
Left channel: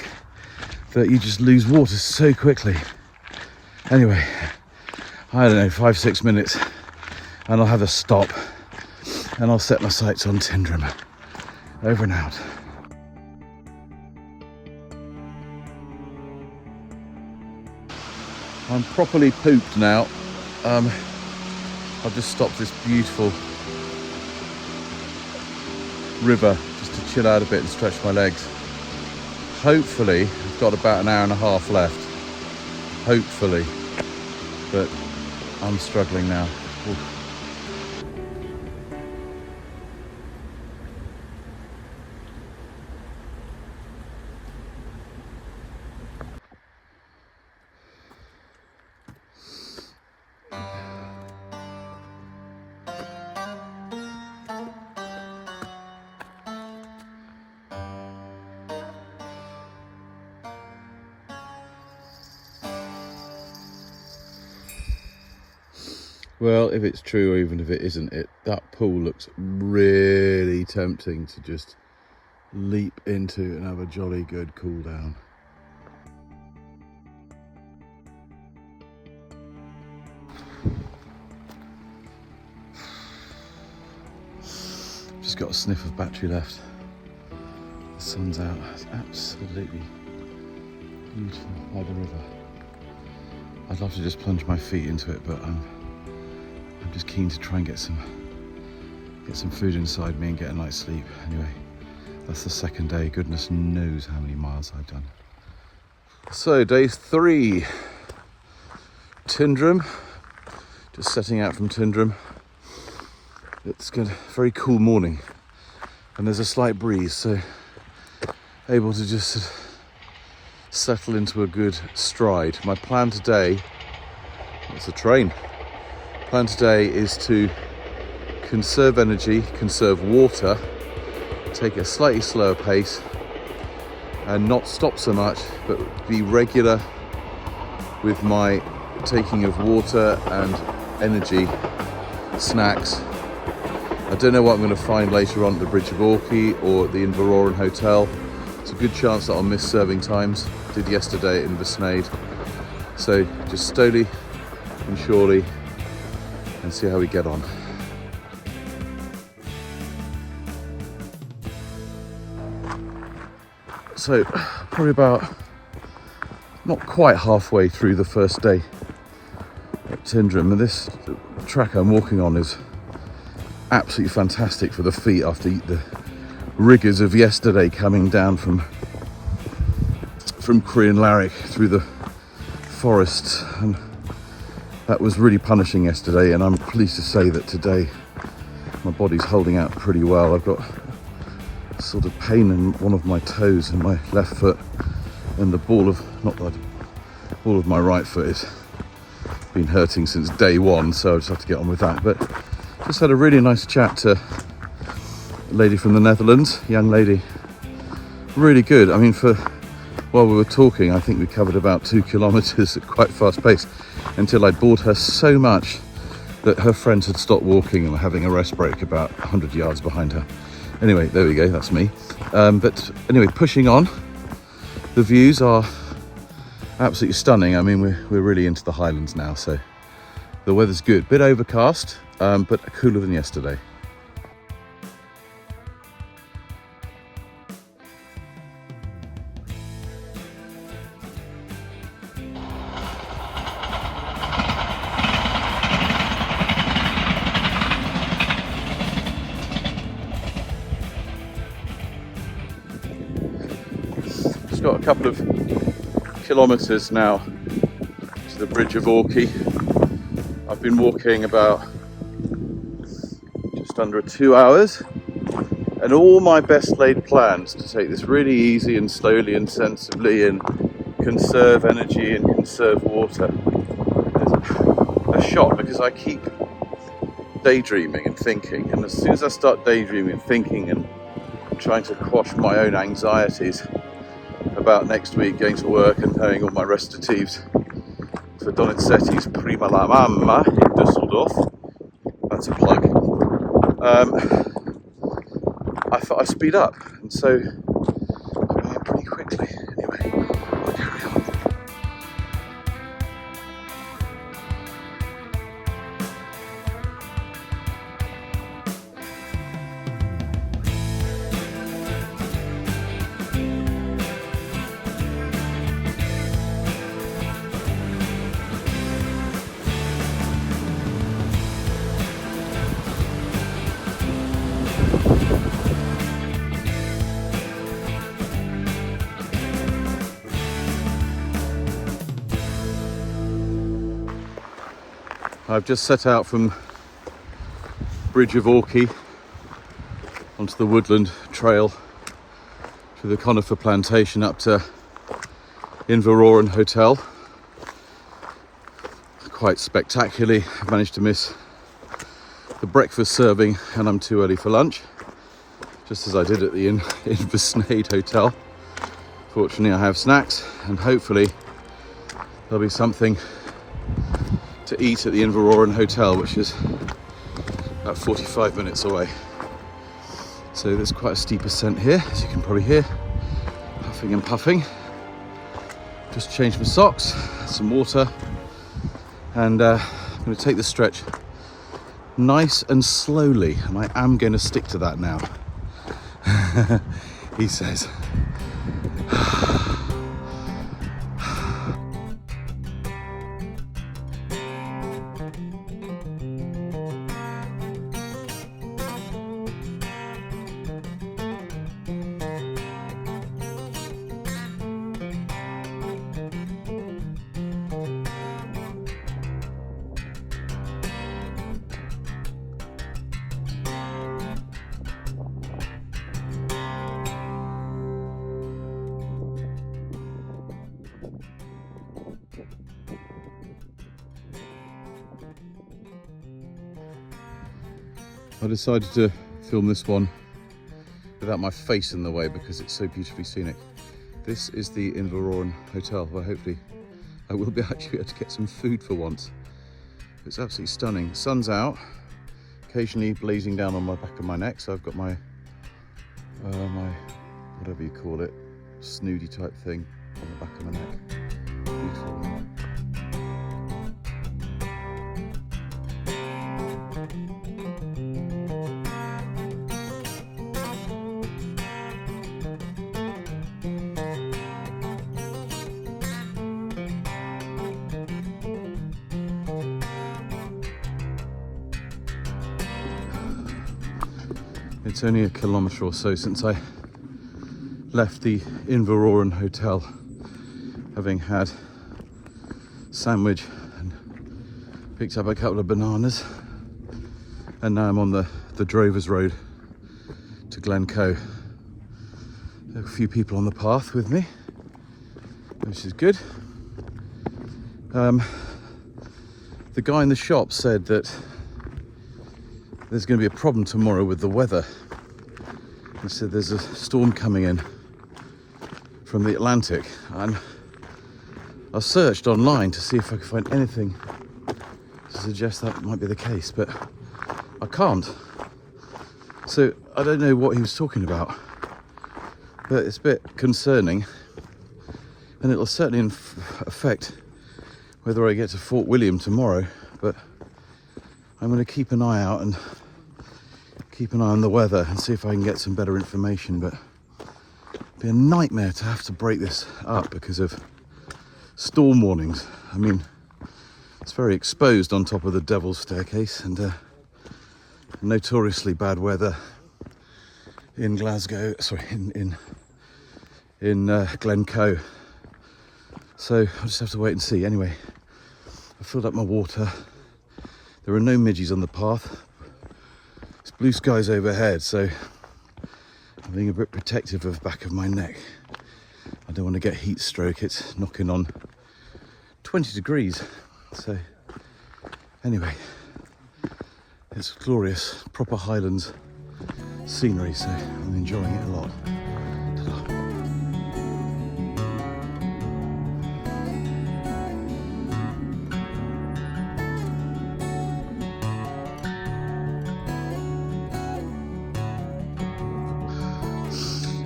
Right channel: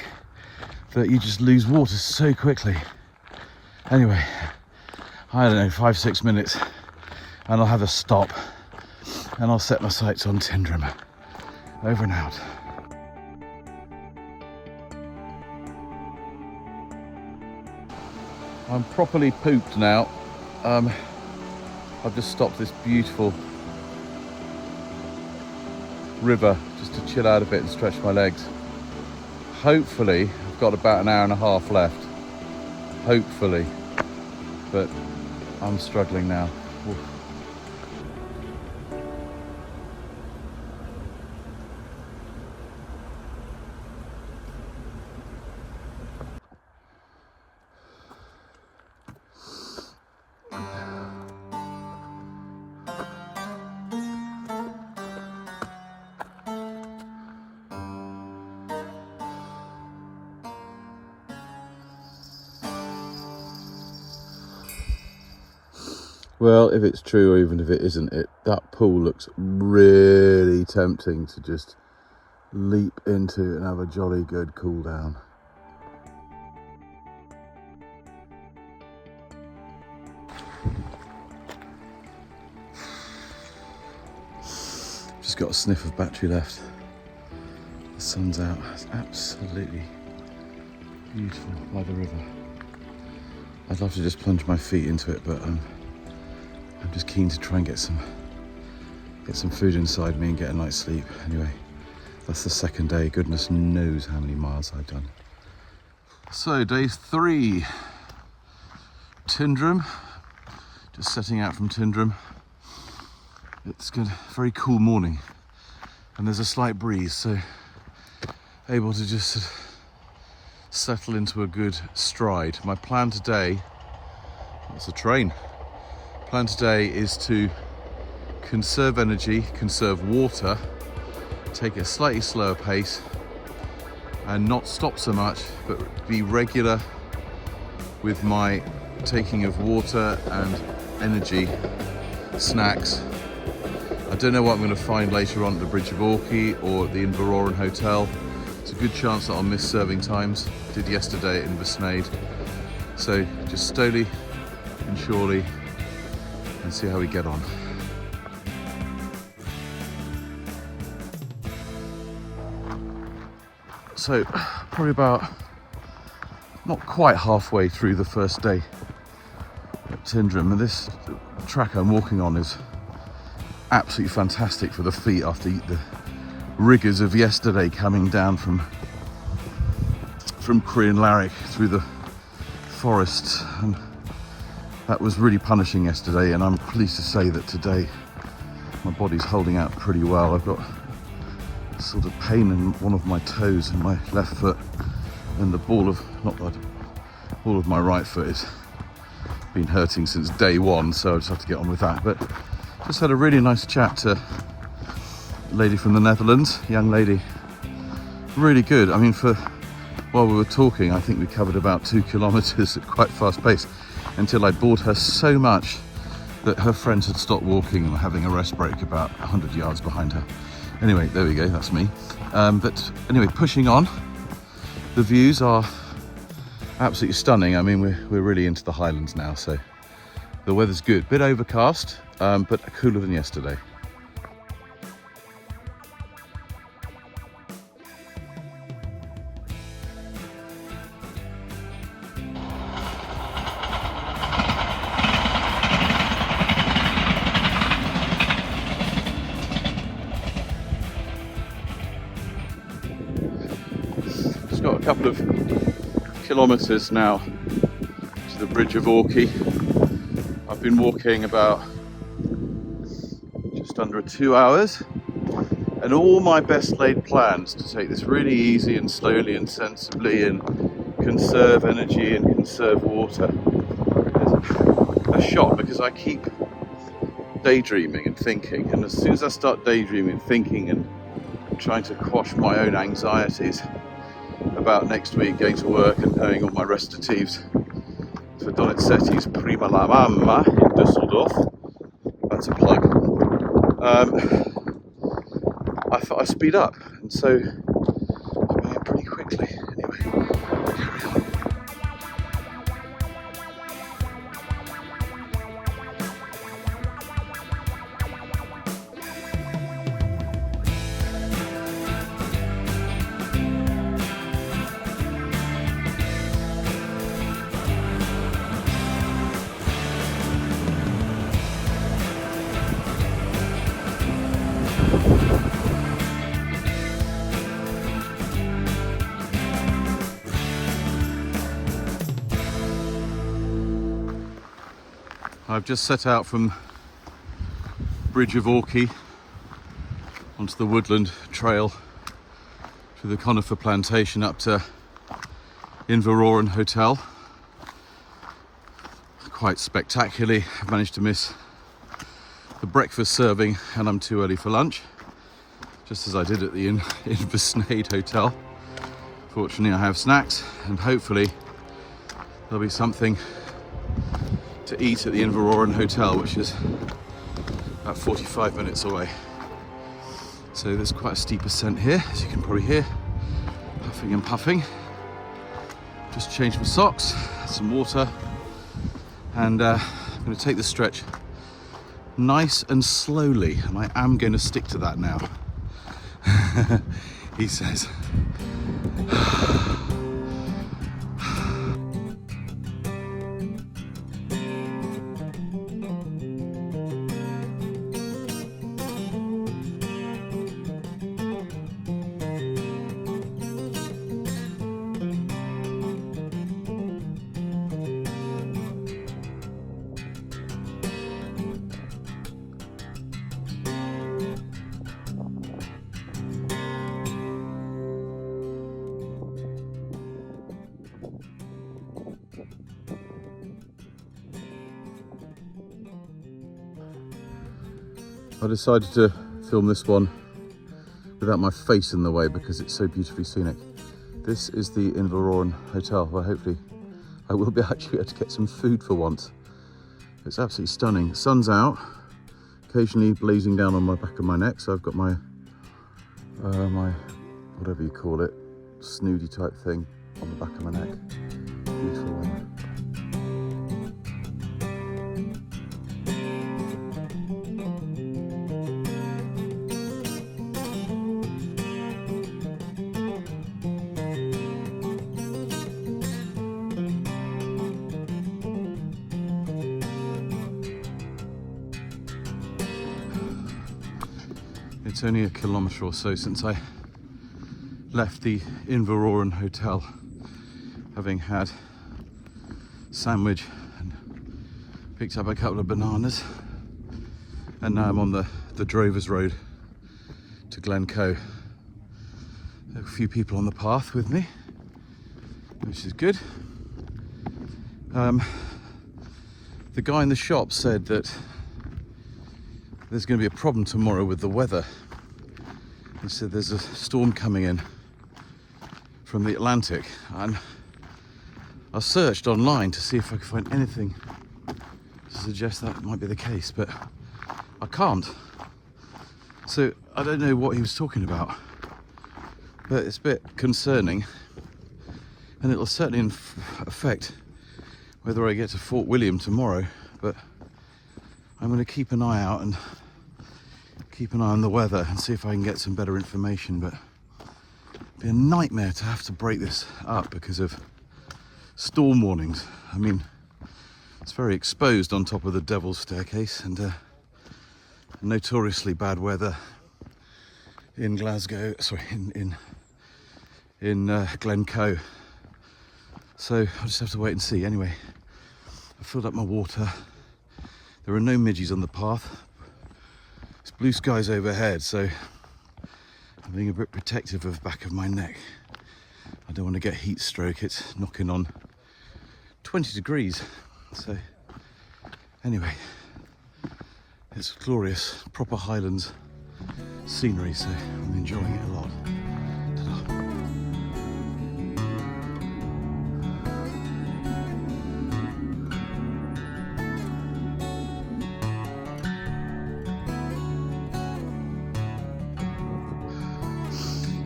that you just lose water so quickly. Anyway, I don't know, 5-6 minutes, and I'll have a stop, and I'll set my sights on Tindrum. Over and out. I'm properly pooped now. I've just stopped this beautiful river just to chill out a bit and stretch my legs. Hopefully, I've got about an hour and a half left. Hopefully, but I'm struggling now. Well, if it's true or even if it isn't, that pool looks really tempting to just leap into and have a jolly good cool down. Just got a sniff of battery left. The sun's out. It's absolutely beautiful by the river. I'd love to just plunge my feet into it, but I'm just keen to try and get get some food inside me and get a night's sleep. Anyway, that's the second day. Goodness knows how many miles I've done. So day 3, Tyndrum. Just setting out from Tyndrum. It's got a very cool morning and there's a slight breeze, so able to just settle into a good stride. My plan today, it's a train. Plan today is to conserve energy, conserve water, take a slightly slower pace and not stop so much, but be regular with my taking of water and energy, snacks. I don't know what I'm going to find later on at the Bridge of Orchy or at the Inveroran Hotel. It's a good chance that I'll miss serving times. Did yesterday at Inversnaid. So just slowly and surely and see how we get on. So probably about not quite halfway through the first day at Tyndrum, and this track I'm walking on is absolutely fantastic for the feet after the rigours of yesterday coming down from Crian Larrick through the forests, and that was really punishing yesterday, and I'm pleased to say that today my body's holding out pretty well. I've got a sort of pain in one of my toes in my left foot, and the ball of my right foot has been hurting since day 1, so I just have to get on with that. But just had a really nice chat to a lady from the Netherlands, young lady, really good. I mean, while we were talking, I think we covered about 2 kilometres at quite fast pace until I'd bored her so much that her friends had stopped walking and were having a rest break about 100 yards behind her. Anyway, there we go, that's me. But anyway, pushing on. The views are absolutely stunning. I mean, we're really into the Highlands now, so the weather's good. Bit overcast, but cooler than yesterday. Just got a couple of kilometres now to the Bridge of Orchy. I've been walking about just under 2 hours, and all my best laid plans to take this really easy and slowly and sensibly and conserve energy and conserve water. There's a shot because I keep daydreaming and thinking, and as soon as I start daydreaming and thinking and trying to quash my own anxieties about next week going to work and paying all my recitatives for Donizetti's Prima la Mamma in Dusseldorf, that's a plug, I speed up, and so I'm here pretty quickly. Anyway, I'll carry on. I've just set out from Bridge of Orchy onto the woodland trail through the conifer plantation up to Inveroran Hotel. Quite spectacularly, I've managed to miss the breakfast serving and I'm too early for lunch, just as I did at the Inversnaid Hotel. Fortunately I have snacks, and hopefully there'll be something to eat at the Inveroran Hotel, which is about 45 minutes away. So there's quite a steep ascent here, as you can probably hear. Puffing and puffing. Just changed my socks, some water, and I'm going to take the stretch nice and slowly, and I am going to stick to that now. He says. I decided to film this one without my face in the way because it's so beautifully scenic. This is the Inverurie Hotel, where hopefully I will be actually able to get some food for once. It's absolutely stunning. Sun's out, occasionally blazing down on my back of my neck, so I've got my whatever you call it, snoody type thing on the back of my neck. Beautiful one. It's only a kilometre or so since I left the Inverurie Hotel, having had a sandwich and picked up a couple of bananas, and now I'm on the Drovers Road to Glencoe. There are a few people on the path with me, which is good. The guy in the shop said that there's going to be a problem tomorrow with the weather. He said there's a storm coming in from the Atlantic, and I searched online to see if I could find anything to suggest that might be the case, but I can't. So I don't know what he was talking about, but it's a bit concerning, and it'll certainly affect whether I get to Fort William tomorrow. But I'm going to keep an eye out and keep an eye on the weather and see if I can get some better information. But it'd be a nightmare to have to break this up because of storm warnings. I mean, it's very exposed on top of the Devil's Staircase, and notoriously bad weather in Glasgow, sorry, in Glencoe. So I'll just have to wait and see. Anyway, I filled up my water. There are no midges on the path. It's blue skies overhead, so I'm being a bit protective of the back of my neck. I don't want to get heat stroke. It's knocking on 20 degrees. So anyway, it's glorious, proper Highlands scenery, so I'm enjoying it a lot. Ta-da.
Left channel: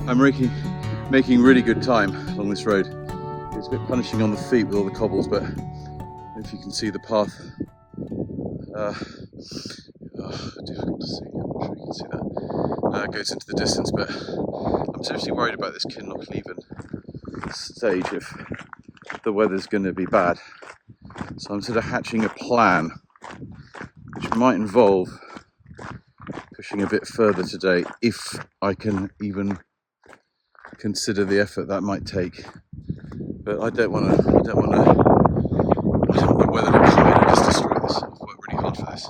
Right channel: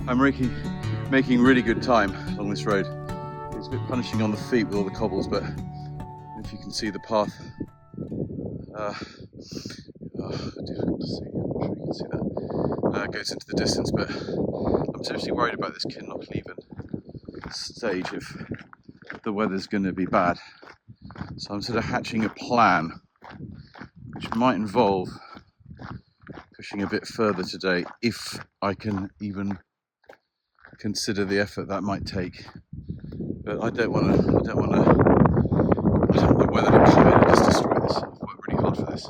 I'm making really good time along this road. It's a bit punishing on the feet with all the cobbles, but if you can see the path, difficult to see, I'm not sure you can see that, goes into the distance, but I'm seriously worried about this Kinloch-Leven stage if the weather's going to be bad. So I'm sort of hatching a plan, which might involve pushing a bit further today, if I can even consider the effort that might take. But I don't want the weather to come in and just destroy this. I've worked really hard for this.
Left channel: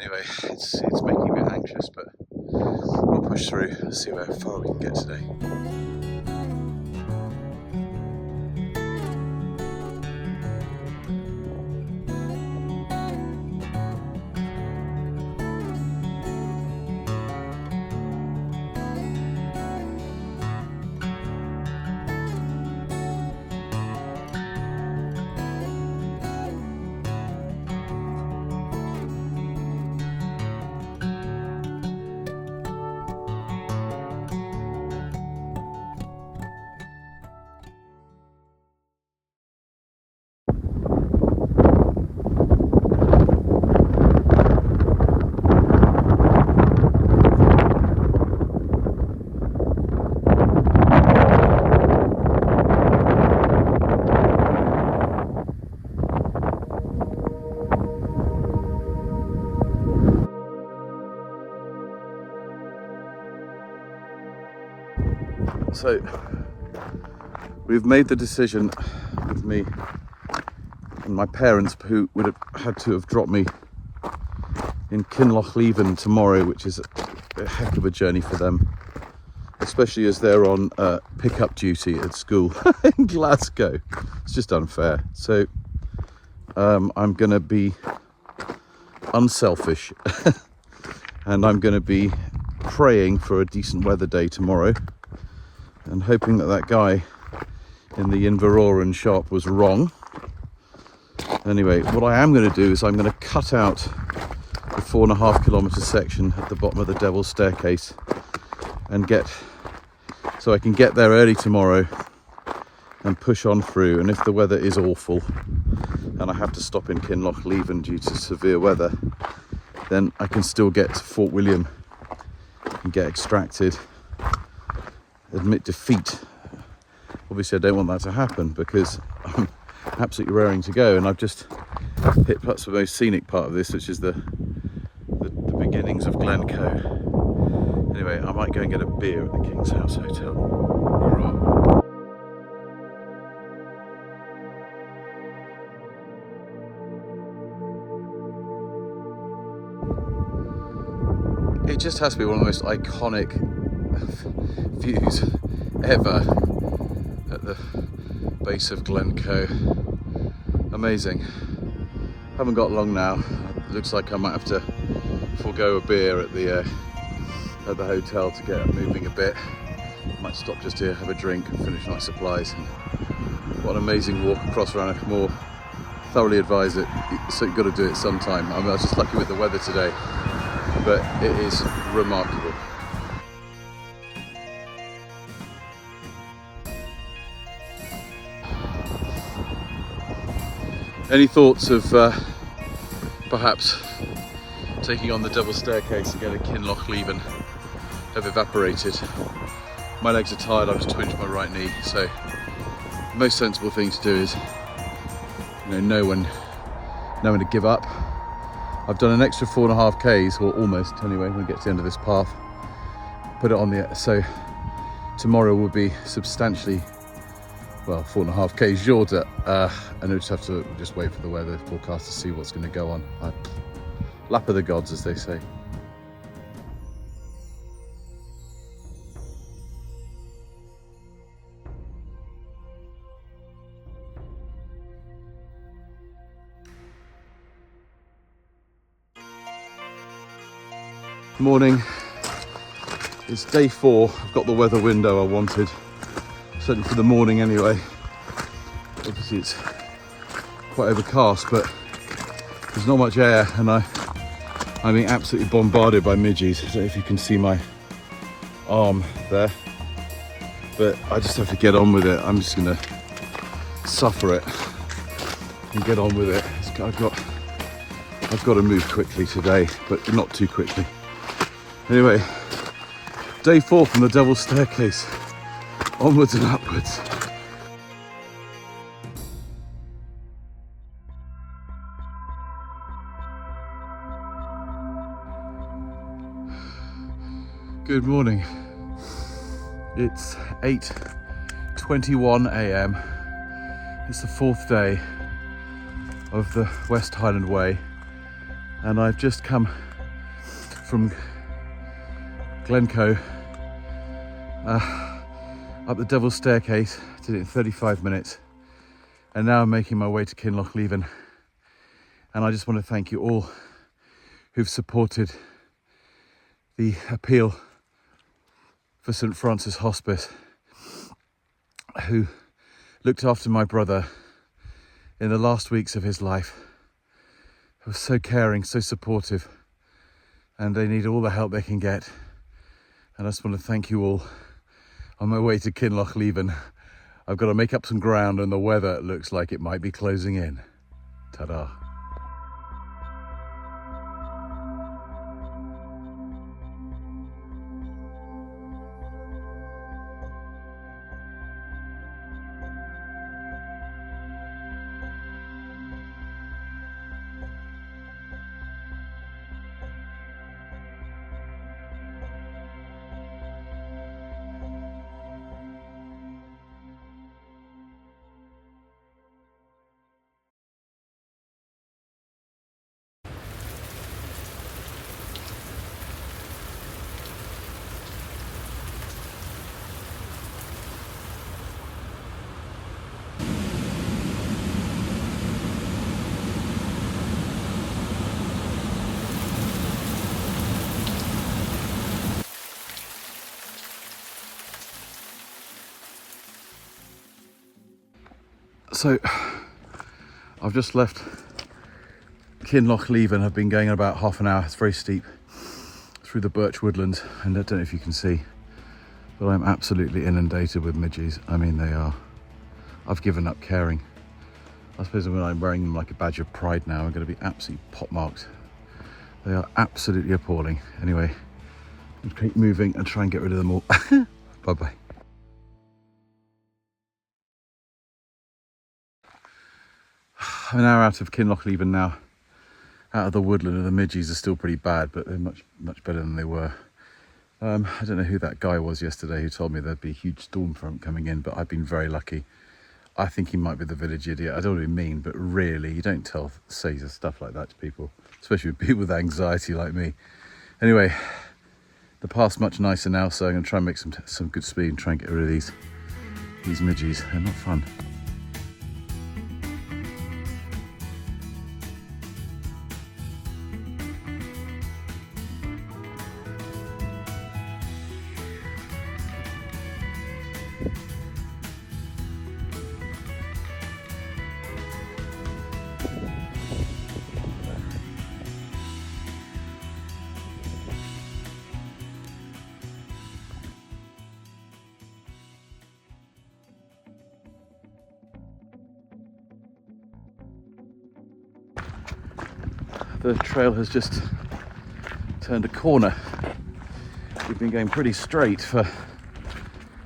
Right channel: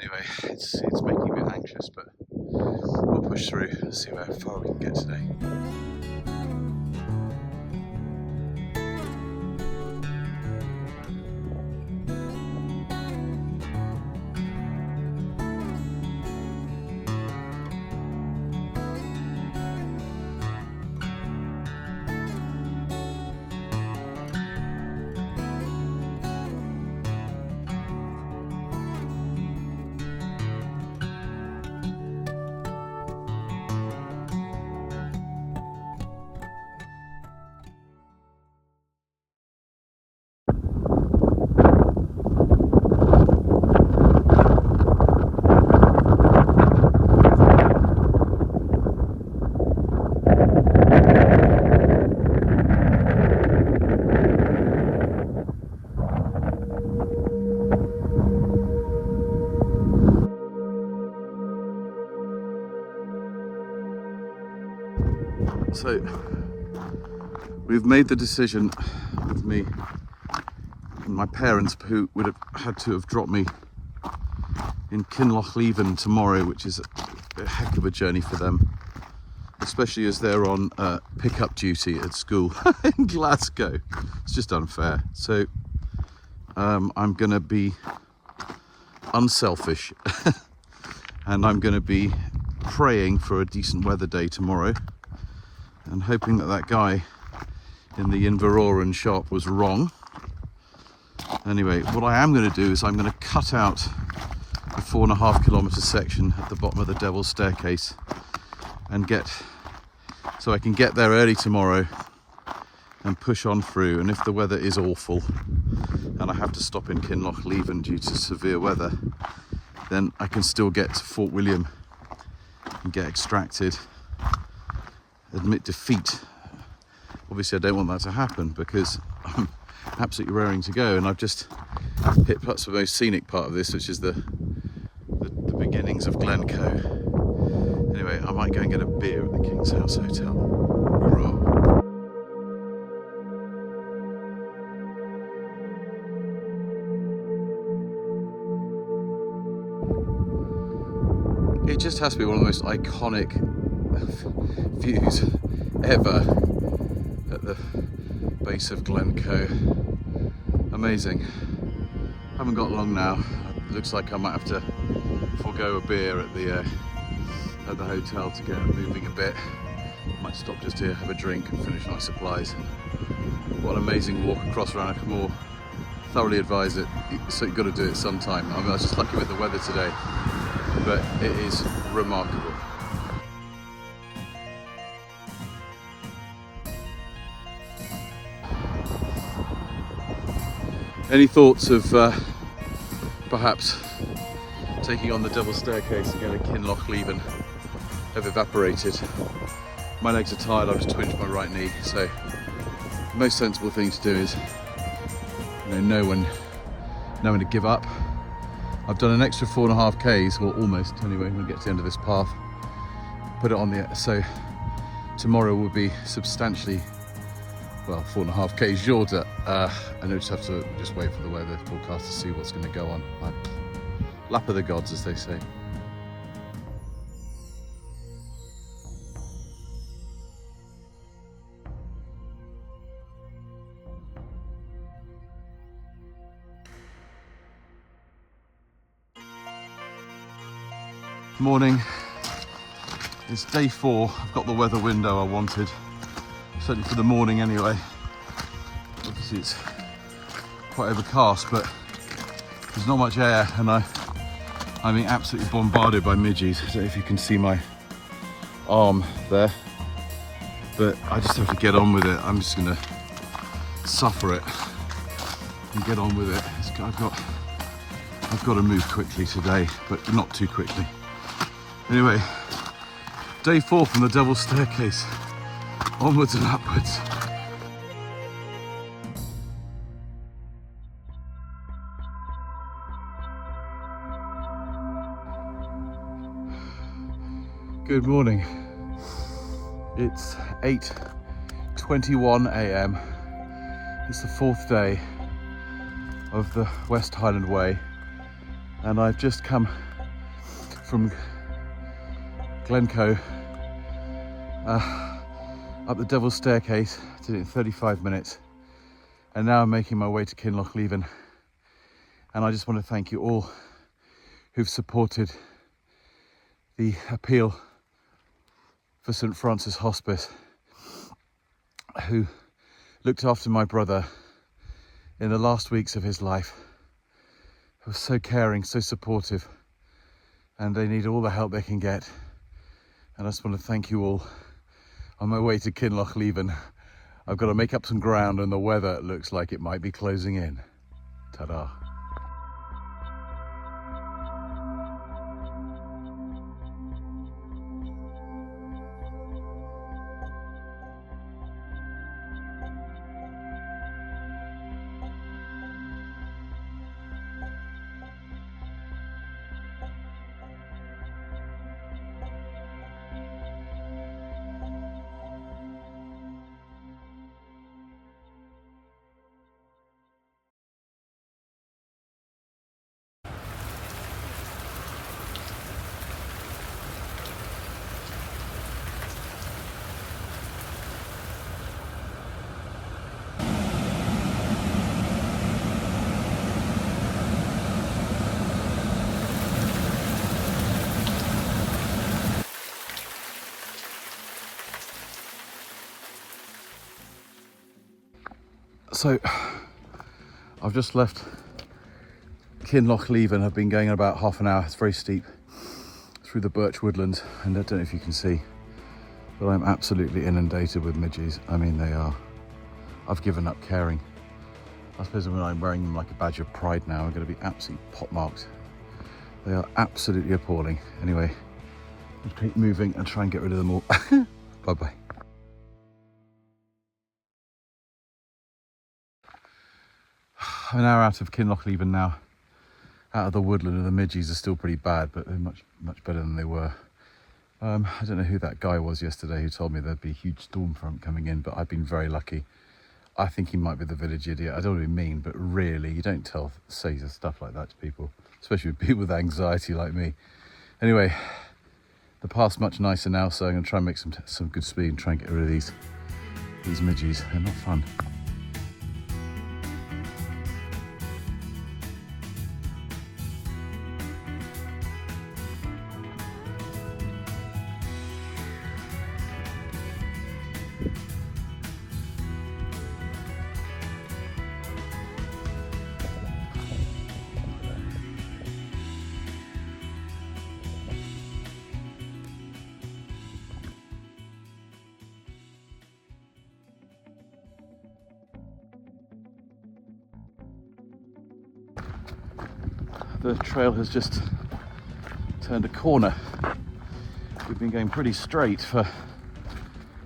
Anyway, it's making me anxious, but we'll push through and see how far we can get today. So we've made the decision with me and my parents, who would have had to have dropped me in Kinloch-Leven tomorrow, which is a heck of a journey for them, especially as they're on pick-up duty at school in Glasgow. It's just unfair. So I'm gonna be unselfish and I'm going to be praying for a decent weather day tomorrow and hoping that that guy in the Inveroran shop was wrong. Anyway, what I am going to do is I'm going to cut out the 4.5 kilometre section at the bottom of the Devil's Staircase and so I can get there early tomorrow and push on through. And if the weather is awful and I have to stop in Kinlochleven due to severe weather, then I can still get to Fort William and get extracted, admit defeat. Obviously I don't want that to happen because I'm absolutely raring to go, and I've just hit perhaps the most scenic part of this, which is the beginnings of Glencoe. Anyway, I might go and get a beer at the King's House Hotel. Hoorah. It just has to be one of the most iconic views ever at the base of Glencoe. Amazing. Haven't got long now. Looks like I might have to forego a beer at the hotel to get moving a bit. Might stop just to have a drink and finish my supplies. And what an amazing walk across Rannochmore. Thoroughly advise it. So you've got to do it sometime. I was just lucky with the weather today, but it is remarkable. Any thoughts of perhaps taking on the Devil's Staircase and getting Kinlochleven have evaporated? My legs are tired, I've just twinged my right knee, so the most sensible thing to do is know when to give up. I've done an extra 4.5 k's, or almost anyway, when we get to the end of this path. Put it on so tomorrow will be substantially, well, 4.5 k's shorter, and I just have to wait for the weather forecast to see what's going to go on. Lap of the gods, as they say. Morning. It's day 4. I've got the weather window I wanted, certainly for the morning anyway. Obviously it's quite overcast, but there's not much air, and I'm being absolutely bombarded by midges. I don't know if you can see my arm there, but I just have to get on with it. I'm just gonna suffer it and get on with it. I've got to move quickly today, but not too quickly. Anyway, day 4 from the Devil's Staircase, onwards and upwards. Good morning. It's 8:21 a.m. It's the 4th day of the West Highland Way, and I've just come from Glencoe up the Devil's Staircase. Did it in 35 minutes, and now I'm making my way to Kinlochleven. And I just want to thank you all who've supported the appeal for St Francis Hospice, who looked after my brother in the last weeks of his life. He was so caring, so supportive, and they need all the help they can get. And I just want to thank you all. On my way to Kinlochleven, I've got to make up some ground, and the weather looks like it might be closing in. Ta-da. So I've just left Kinlochleven. I've been going about half an hour, it's very steep, through the birch woodlands, and I don't know if you can see, but I'm absolutely inundated with midges. I mean, they are, I've given up caring. I suppose when I'm wearing them like a badge of pride now, I'm going to be absolutely pockmarked. They are absolutely appalling. Anyway, I'll keep moving and try and get rid of them all. Bye-bye. I'm an hour out of Kinlochleven now, out of the woodland, and the midges are still pretty bad, but they're much better than they were. I don't know who that guy was yesterday who told me there'd be a huge storm front coming in, but I've been very lucky. I think he might be the village idiot. I don't really mean, but really, you don't say stuff like that to people, especially with people with anxiety like me. Anyway, the path's much nicer now, so I'm going to try and make some good speed and try and get rid of these midges. They're not fun. The trail has just turned a corner. We've been going pretty straight for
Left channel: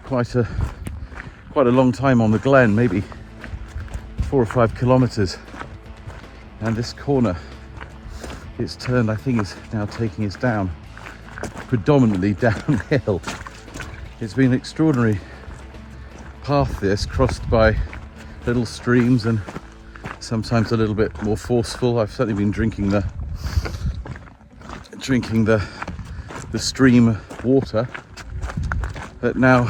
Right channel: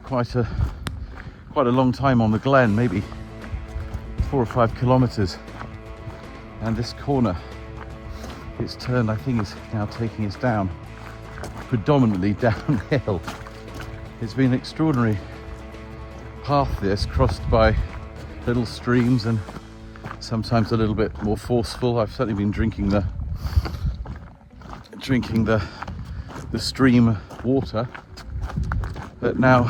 quite a long time on the glen, maybe 4 or 5 kilometers. And this corner, it's turned, I think it's now taking us down, predominantly downhill. It's been an extraordinary path, this, crossed by little streams and sometimes a little bit more forceful. I've certainly been drinking the stream water, but now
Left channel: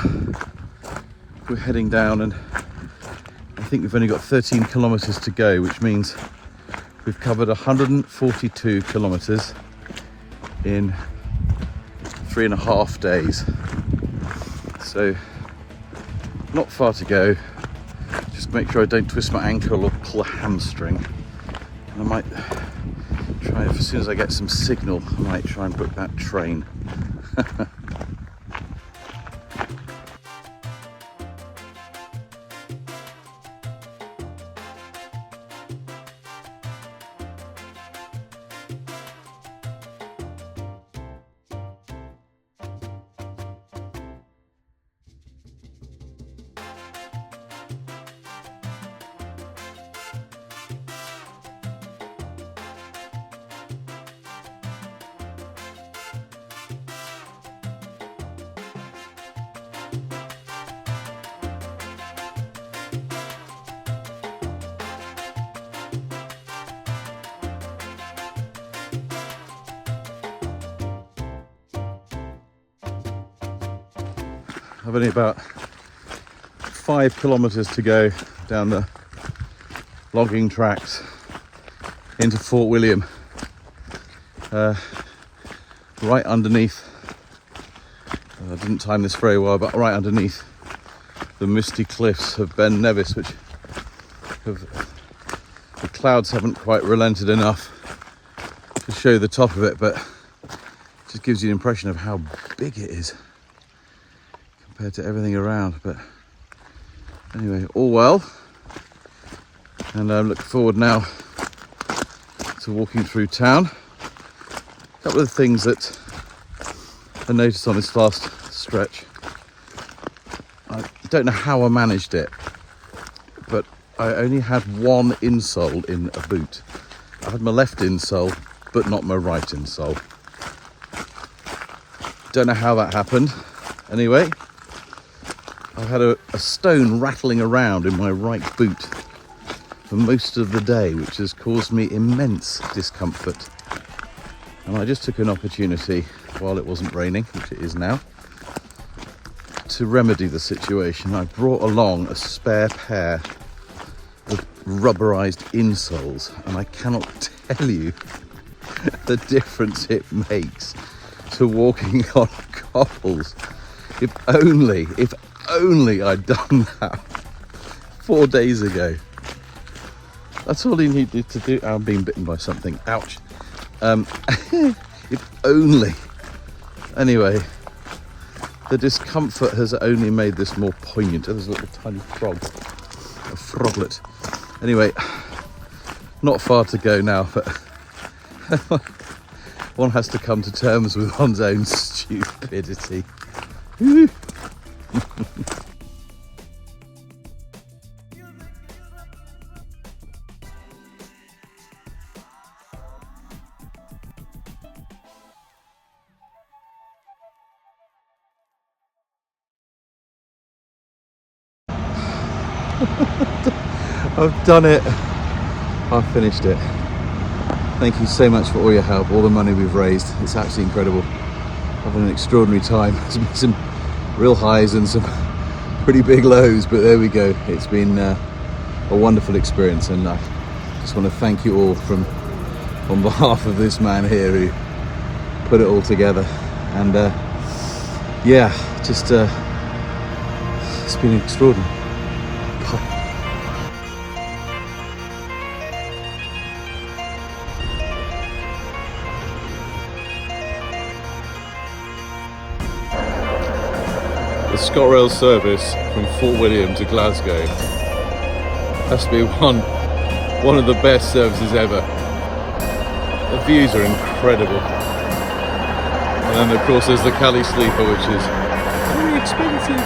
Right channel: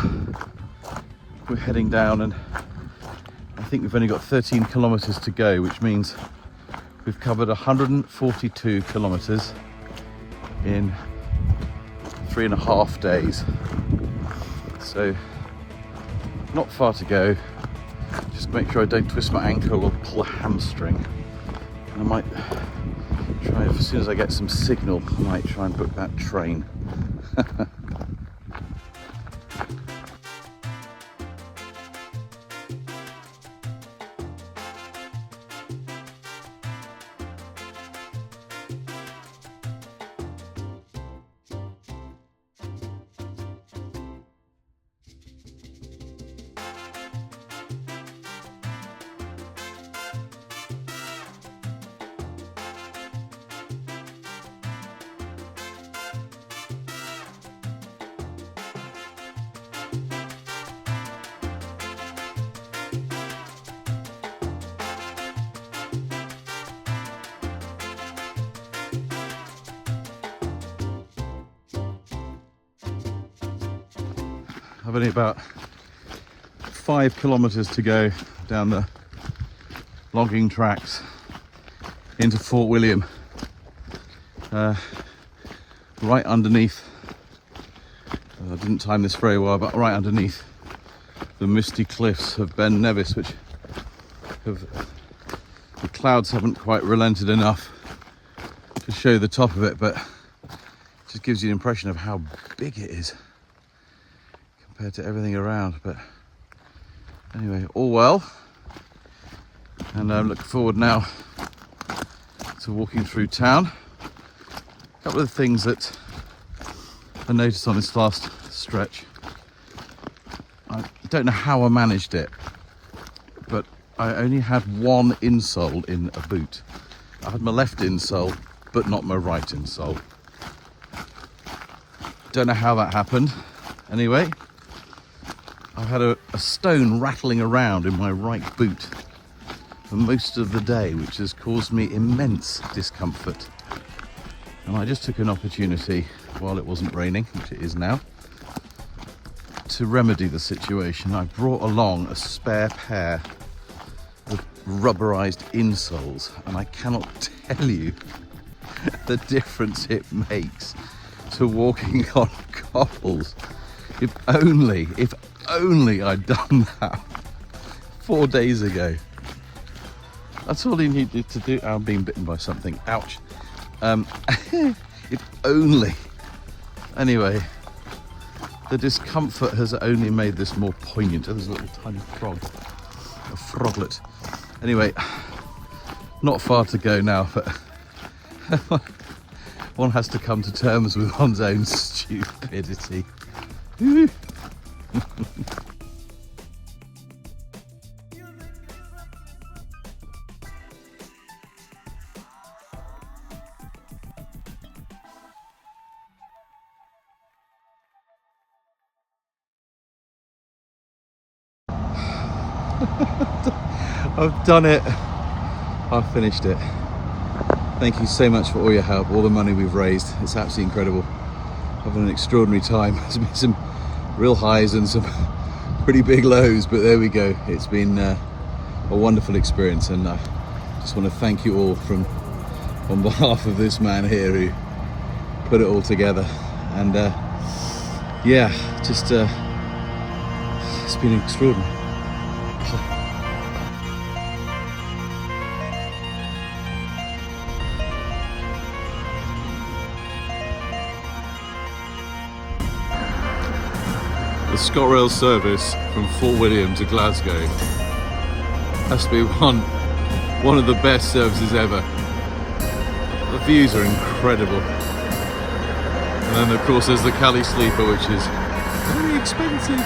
we're heading down, and I think we've only got 13 kilometers to go, which means we've covered 142 kilometers in 3.5 days. So not far to go. Just make sure I don't twist my ankle or pull a hamstring. And I might try, as soon as I get some signal, I might try and book that train. I've only about 5 kilometers to go down the logging tracks into Fort William, right underneath, I didn't time this very well, but right underneath the misty cliffs of Ben Nevis, which the clouds haven't quite relented enough to show the top of it, but it just gives you an impression of how big it is compared to everything around. But anyway, all well, and I'm looking forward now to walking through town. A couple of things that I noticed on this last stretch. I don't know how I managed it, but I only had one insole in a boot. I had my left insole, but not my right insole. Don't know how that happened. Anyway, I've had a stone rattling around in my right boot for most of the day, which has caused me immense discomfort. And I just took an opportunity while it wasn't raining, which it is now, to remedy the situation. I brought along a spare pair of rubberized insoles, and I cannot tell you the difference it makes to walking on cobbles. If only I'd done that 4 days ago. That's all he needed to do. I'm being bitten by something. Ouch. If only. Anyway, the discomfort has only made this more poignant. There's a little tiny frog. A froglet. Anyway, not far to go now, but one has to come to terms with one's own stupidity. I've done it. I've finished it. Thank you so much for all your help, all the money we've raised. It's absolutely incredible. Having an extraordinary time. There's been some real highs and some pretty big lows, but there we go. It's been a wonderful experience, and I just want to thank you all on behalf of this man here who put it all together. And yeah, just it's been extraordinary. The ScotRail service from Fort William to Glasgow has to be one of the best services ever. The views are incredible. And then of course there's the Cali sleeper, which is very expensive.